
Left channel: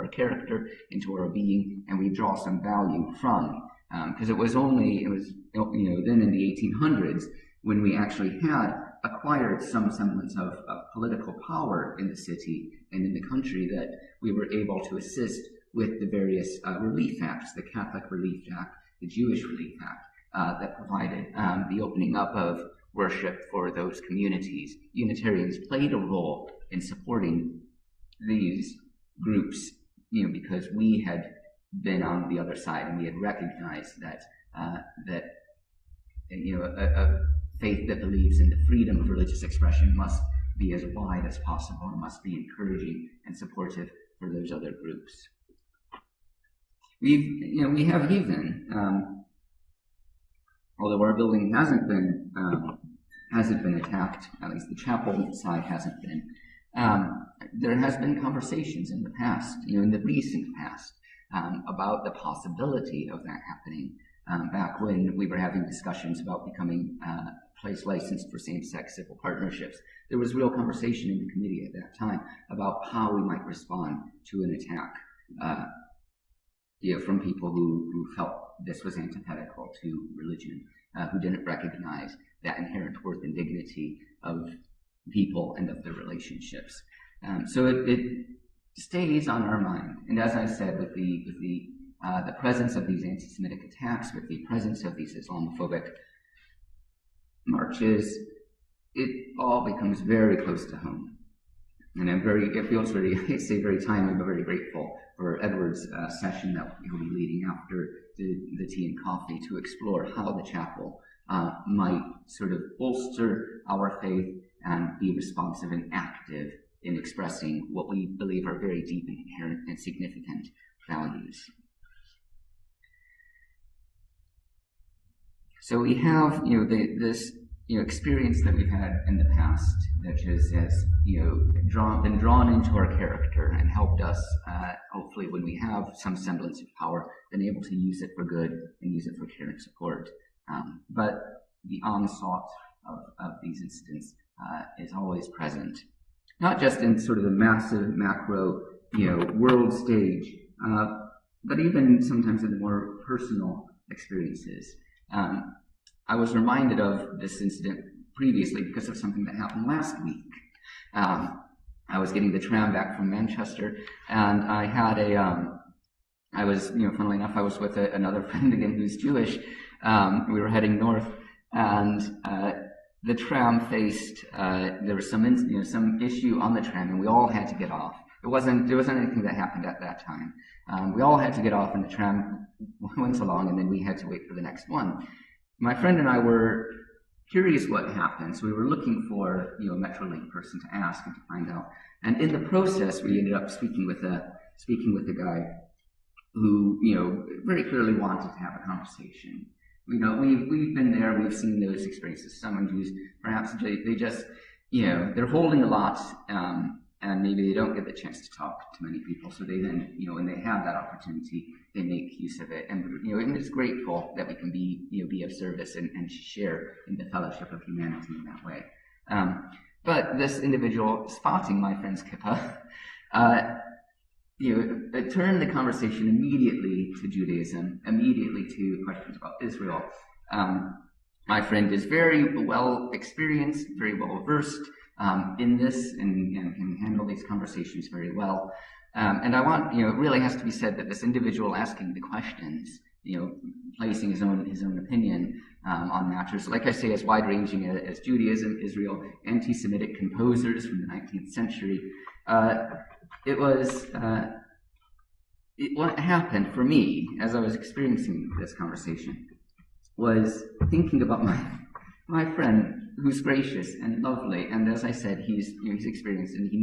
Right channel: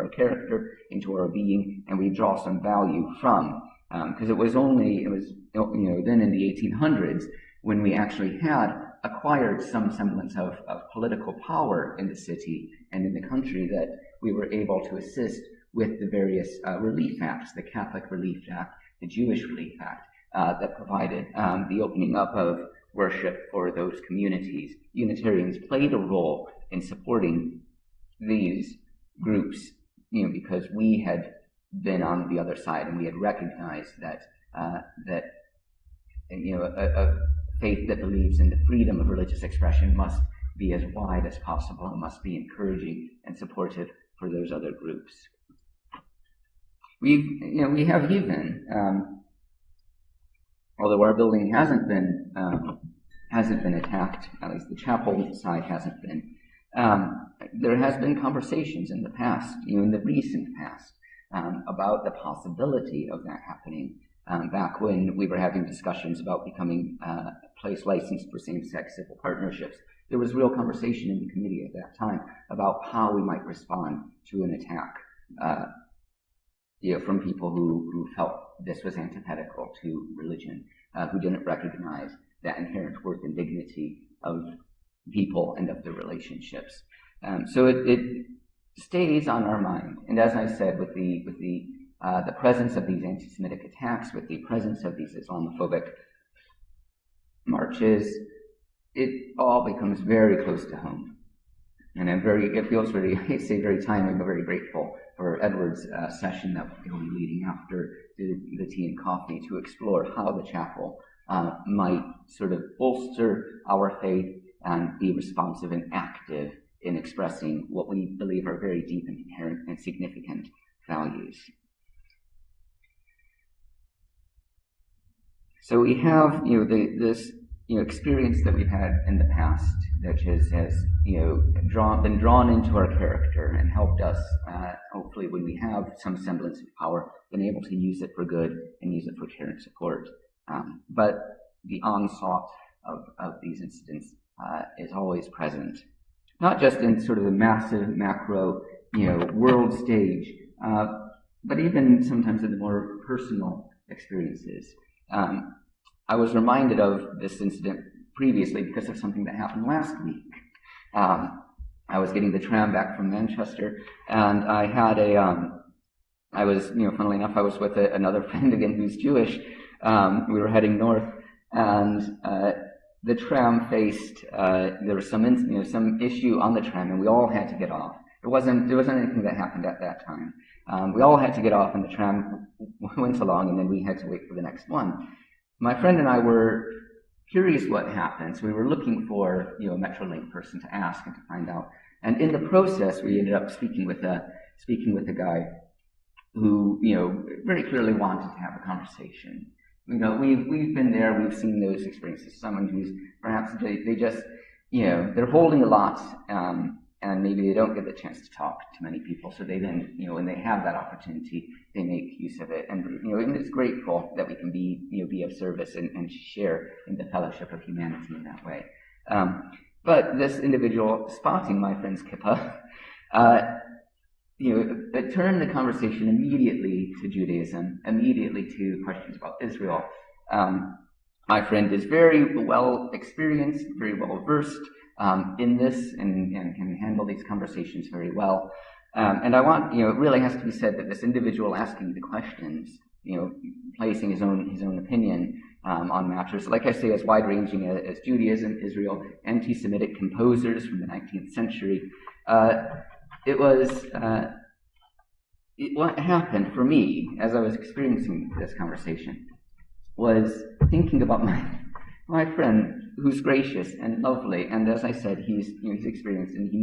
character, into our being, and we draw some value from. Because it was then in the 1800s when we actually had acquired some semblance of political power in the city and in the country that we were able to assist with the various relief acts, the Catholic Relief Act, the Jewish Relief Act, that provided the opening up of worship for those communities. Unitarians played a role in supporting these groups, because we been on the other side, and we had recognized that a faith that believes in the freedom of religious expression must be as wide as possible and must be encouraging and supportive for those other groups. We have even, although our building hasn't been attacked, at least the chapel side hasn't been. There has been conversations in the past, in the recent past, about the possibility of that happening. Back when we were having discussions about becoming a place licensed for same-sex civil partnerships, there was real conversation in the committee at that time about how we might respond to an attack from people who felt this was antithetical to religion, who didn't recognize that inherent worth and dignity of people and of their relationships. So it stays on our mind. And as I said, with the presence of these anti-Semitic attacks, with the presence of these Islamophobic marches, it all becomes very close to home. And it feels very, I say very timely, but very grateful for Edward's session that he'll be leading after the tea and coffee to explore how the chapel might sort of bolster our faith and be responsive and active in expressing what we believe are very deep and inherent and significant values. So we have, this experience that we've had in the past that has been drawn into our character and helped us, hopefully, when we have some semblance of power, been able to use it for good and use it for care and support. But the onslaught of these incidents is always present, not just in sort of the massive macro, world stage, but even sometimes in the more personal experiences. I was reminded of this incident previously because of something that happened last week. I was getting the tram back from Manchester, and I had funnily enough, I was with another friend again who's Jewish. We were heading north, and the tram faced, there was some issue on the tram, and we all had to get off. There wasn't anything that happened at that time. We all had to get off, and the tram went along, and then we had to wait for the next one. My friend and I were curious what happened, so we were looking for a Metrolink person to ask and to find out. And in the process, we ended up speaking with a guy who very clearly wanted to have a conversation. We've been there, we've seen those experiences. Someone who's perhaps they just they're holding a lot, and maybe they don't get the chance to talk to many people. So they then when they have that opportunity, they make use of it. And and it's grateful that we can be of service and share in the fellowship of humanity in that way. But this individual, spotting my friend's kippah, it turned the conversation immediately to Judaism, immediately to questions about Israel. My friend is very well experienced, very well versed in this, and can handle these conversations very well. And I want, it really has to be said that this individual asking the questions, placing his own opinion on matters, like I say, as wide-ranging as Judaism, Israel, anti-Semitic composers from the 19th century. What happened for me as I was experiencing this conversation was thinking about my friend, who's gracious and lovely, and as I said, he's experienced, and he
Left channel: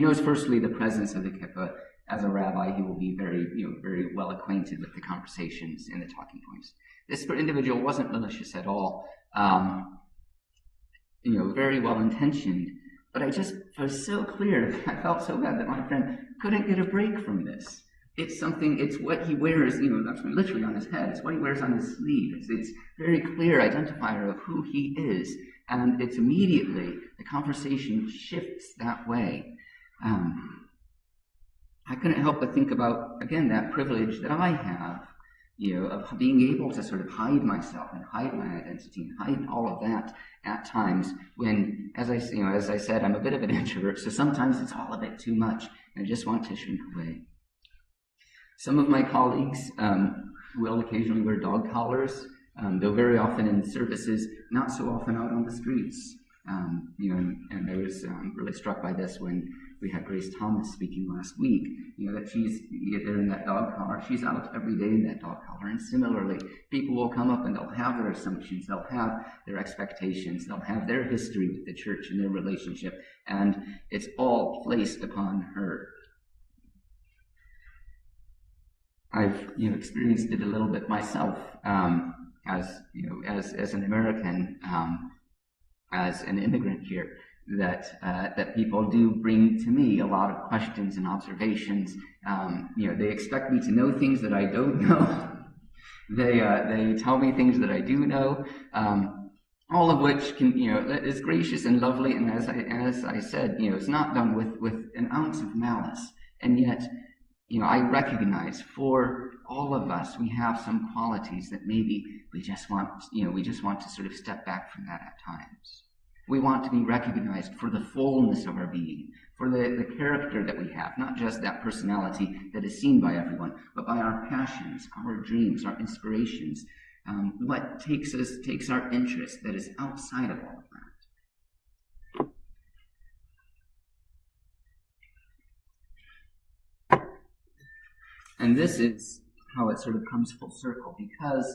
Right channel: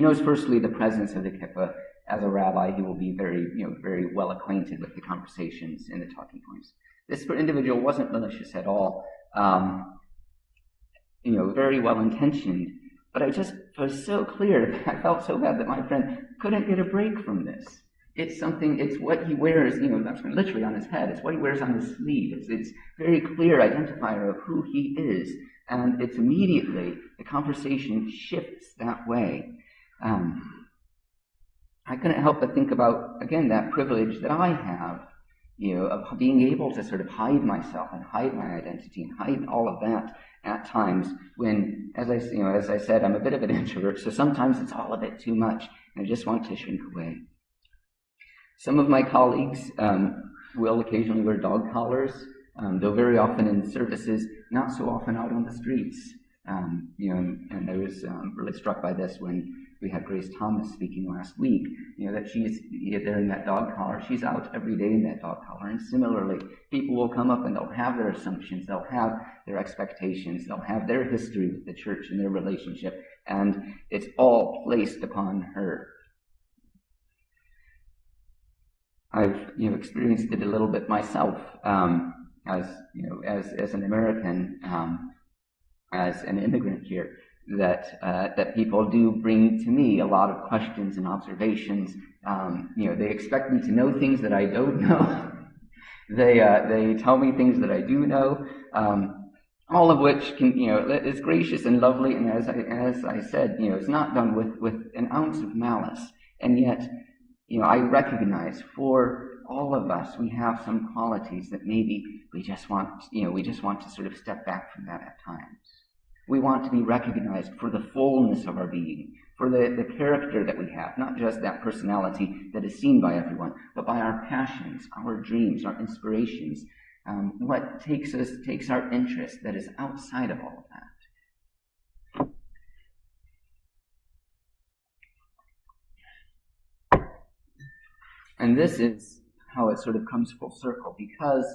knows firstly the presence of the kippah. As a rabbi, he will be very well acquainted with the conversations and the talking points. This individual wasn't malicious at all, very well intentioned. But I just was so clear, I felt so bad that my friend couldn't get a break from this. It's what he wears, literally on his head. It's what he wears on his sleeve. It's very clear identifier of who he is. And it's immediately, the conversation shifts that way. I couldn't help but think about, again, that privilege that I have, of being able to sort of hide myself and hide my identity and hide all of that at times when, as I said, I'm a bit of an introvert, so sometimes it's all a bit too much, and I just want to shrink away. Some of my colleagues will occasionally wear dog collars, though very often in services, not so often out on the streets. And I was really struck by this when We had Grace Thomas speaking last week, that she's there in that dog collar. She's out every day in that dog collar. And similarly, people will come up and they'll have their assumptions, they'll have their expectations, they'll have their history with the church and their relationship, and it's all placed upon her. I've experienced it a little bit myself, as an American, as an immigrant here. That people do bring to me a lot of questions and observations. They expect me to know things that I don't know. They tell me things that I do know. All of which is gracious and lovely, and as I said, it's not done with an ounce of malice. And yet, I recognize for all of us, we have some qualities that maybe we just want to sort of step back from that at times. We want to be recognized for the fullness of our being, for the character that we have, not just that personality that is seen by everyone, but by our passions, our dreams, our inspirations, what takes our interest that is outside of all of that. And this is how it sort of comes full circle, because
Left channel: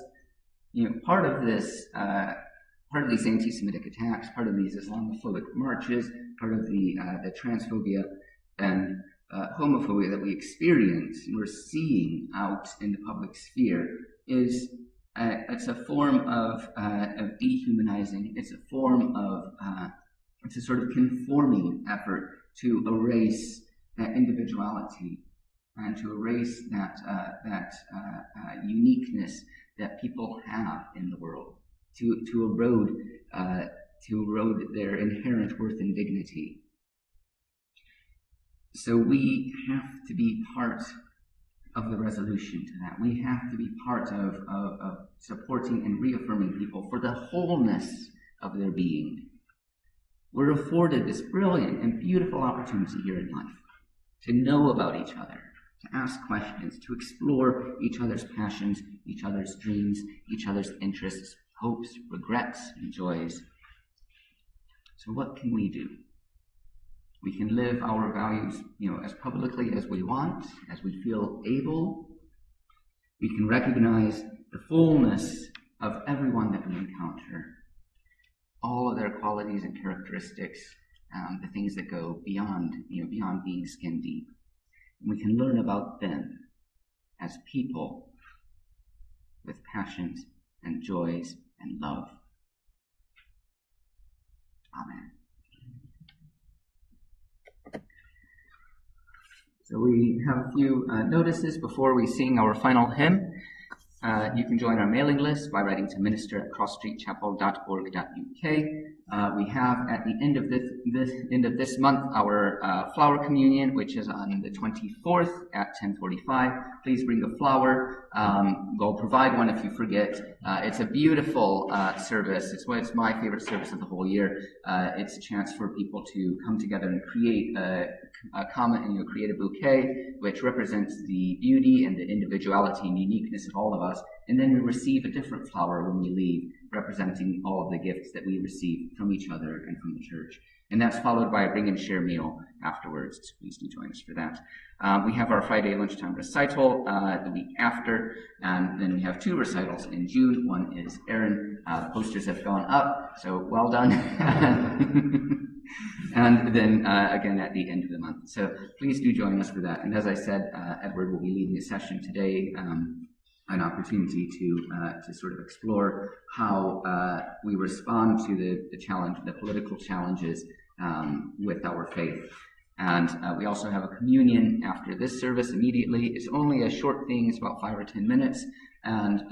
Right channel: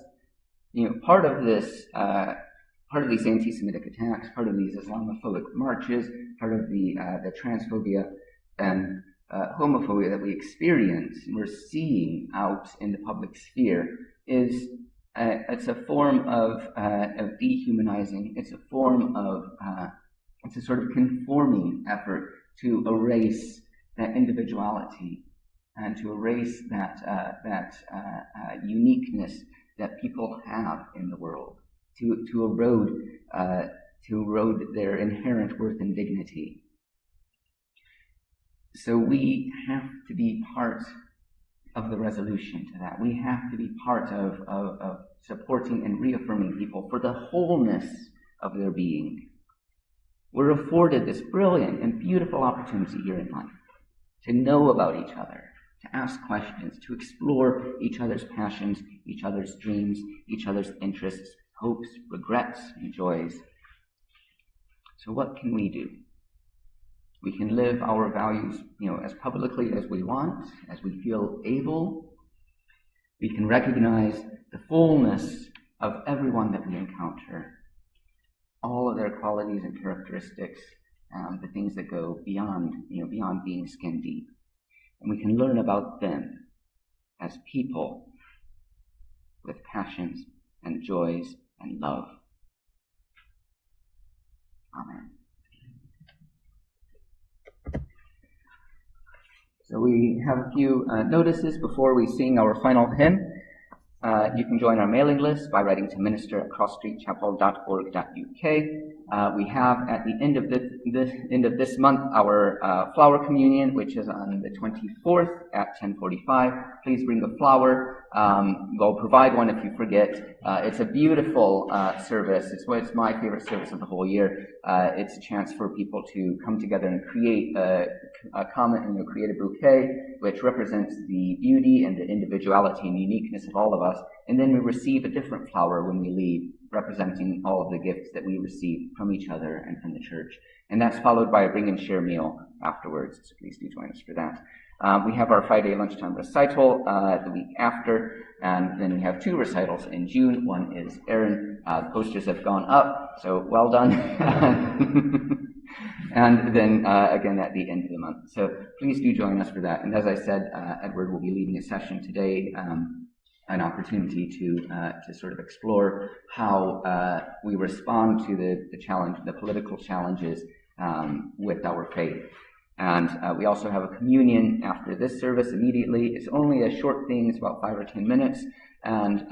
part of this. Part of these anti-Semitic attacks, part of these Islamophobic marches, part of the transphobia and homophobia that we experience and we're seeing out in the public sphere is it's a form of dehumanizing. It's a form of it's a sort of conforming effort to erase that individuality and to erase that uniqueness that people have in the world. To erode their inherent worth and dignity. So we have to be part of the resolution to that. We have to be part of supporting and reaffirming people for the wholeness of their being. We're afforded this brilliant and beautiful opportunity here in life to know about each other, to ask questions, to explore each other's passions, each other's dreams, each other's interests, hopes, regrets, and joys. So what can we do? We can live our values, as publicly as we want, as we feel able. We can recognize the fullness of everyone that we encounter, all of their qualities and characteristics, the things that go beyond being skin deep. And we can learn about them as people with passions and joys and love. Amen. So we have a few notices before we sing our final hymn. You can join our mailing list by writing to minister@crossstreetchapel.org.uk. We have at the end of this month our flower communion, which is on the 24th at 10:45. Please bring a flower. We'll provide one if you forget. It's a beautiful service. It's my favorite service of the whole year. It's a chance for people to come together and create create a bouquet which represents the beauty and the individuality and uniqueness of all of us. And then we receive a different flower when we leave, representing all of the gifts that we receive from each other and from the church. And that's followed by a bring and share meal afterwards, so please do join us for that. We have our Friday lunchtime recital the week after, and then we have 2 recitals in June. One is Aaron. The posters have gone up, so well done. And then again at the end of the month. So please do join us for that. And as I said, Edward will be leading a session today, an opportunity to sort of explore how we respond to the political challenges with our faith. And we also have a communion after this service immediately. It's only a short thing. It's about 5 or 10 minutes. And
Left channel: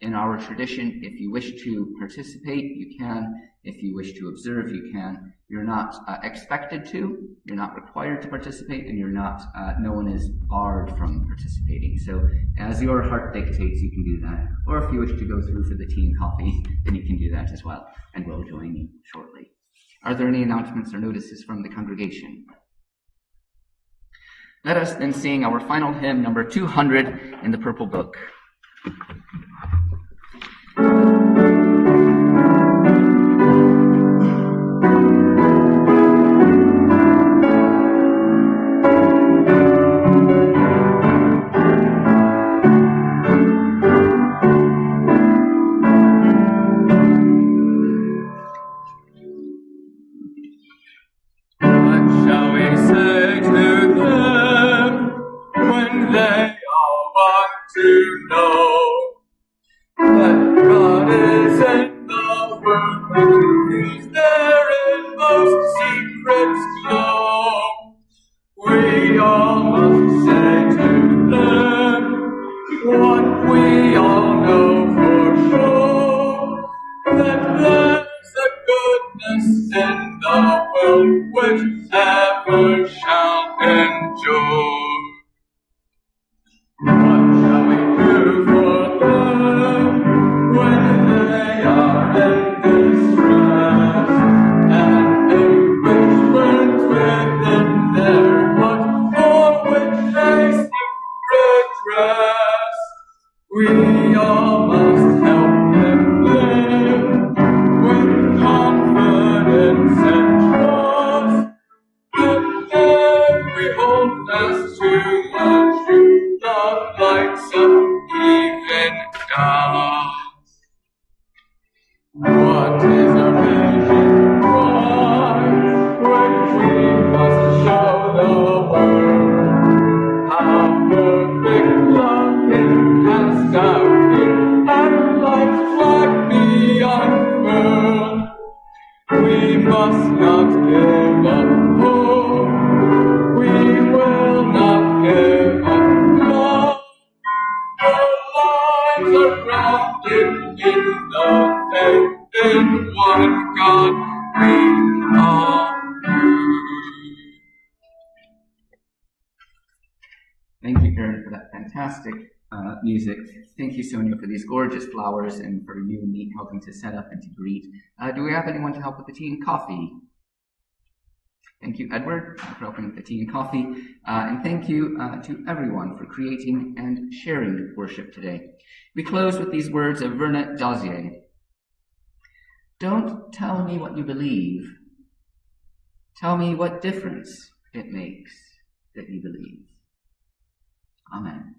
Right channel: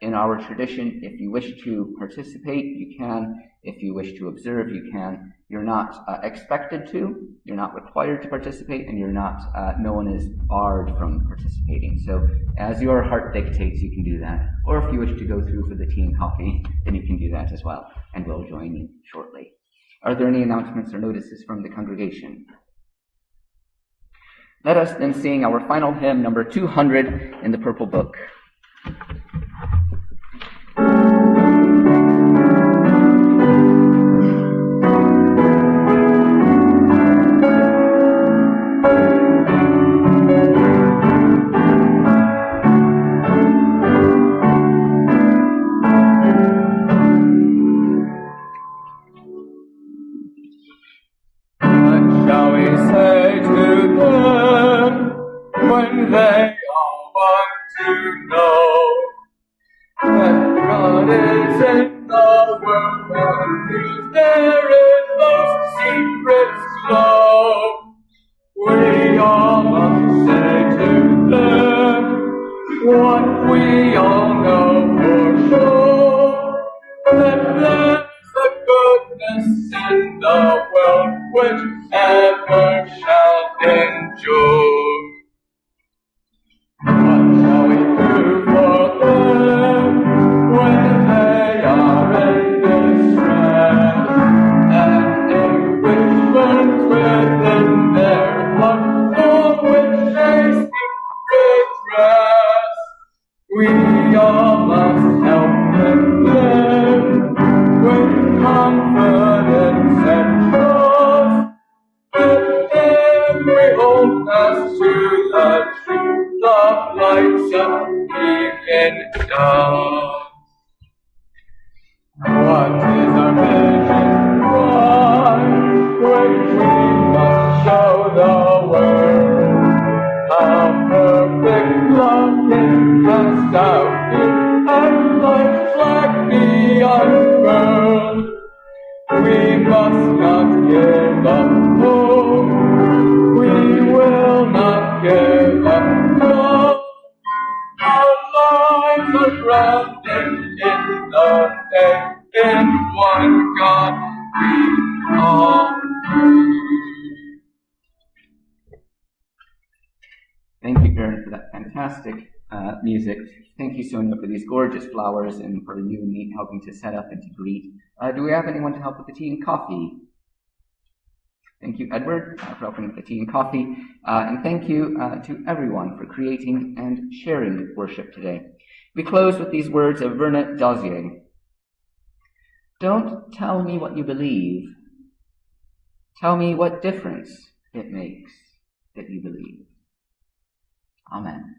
in our tradition, if you wish to participate, you can. If you wish to observe, you can. You're not expected to. You're not required to participate, and you're not. No one is barred from participating. So, as your heart dictates, you can do that. Or if you wish to go through for the tea and coffee, then you can do that as well. And we'll join you shortly. Are there any announcements or notices from the congregation? Let us then sing our final hymn, number 200 in the Purple Book. to know that God is in the world, and He's there in those secrets glow. We all must say to them what we all know for sure, that there's a goodness in the world which never shall endure. What shall we do for them when they are in distress, and anguish burns within their hearts, for which they seek redress? We all must help them live with confidence and trust, that every hold fast to the truth, the lights of even dawn. What is our vision? Why, when we must show the world how perfect love can cast out fear, and life's flag be unfurled. We must not give up hope. We will not give up love. Our lives are grounded in the faith in one God we all believe. Thank you, Aaron, for that fantastic music. Thank you, Sonia, for these gorgeous flowers and for you and me helping to set up and to greet. Do we have anyone to help with the tea and coffee? Thank you, Edward, for helping with the tea and coffee. And thank you to everyone for creating and sharing worship today. We close with these words of Verna Dozier. Don't tell me what you believe. Tell me what difference it makes that you believe. Amen.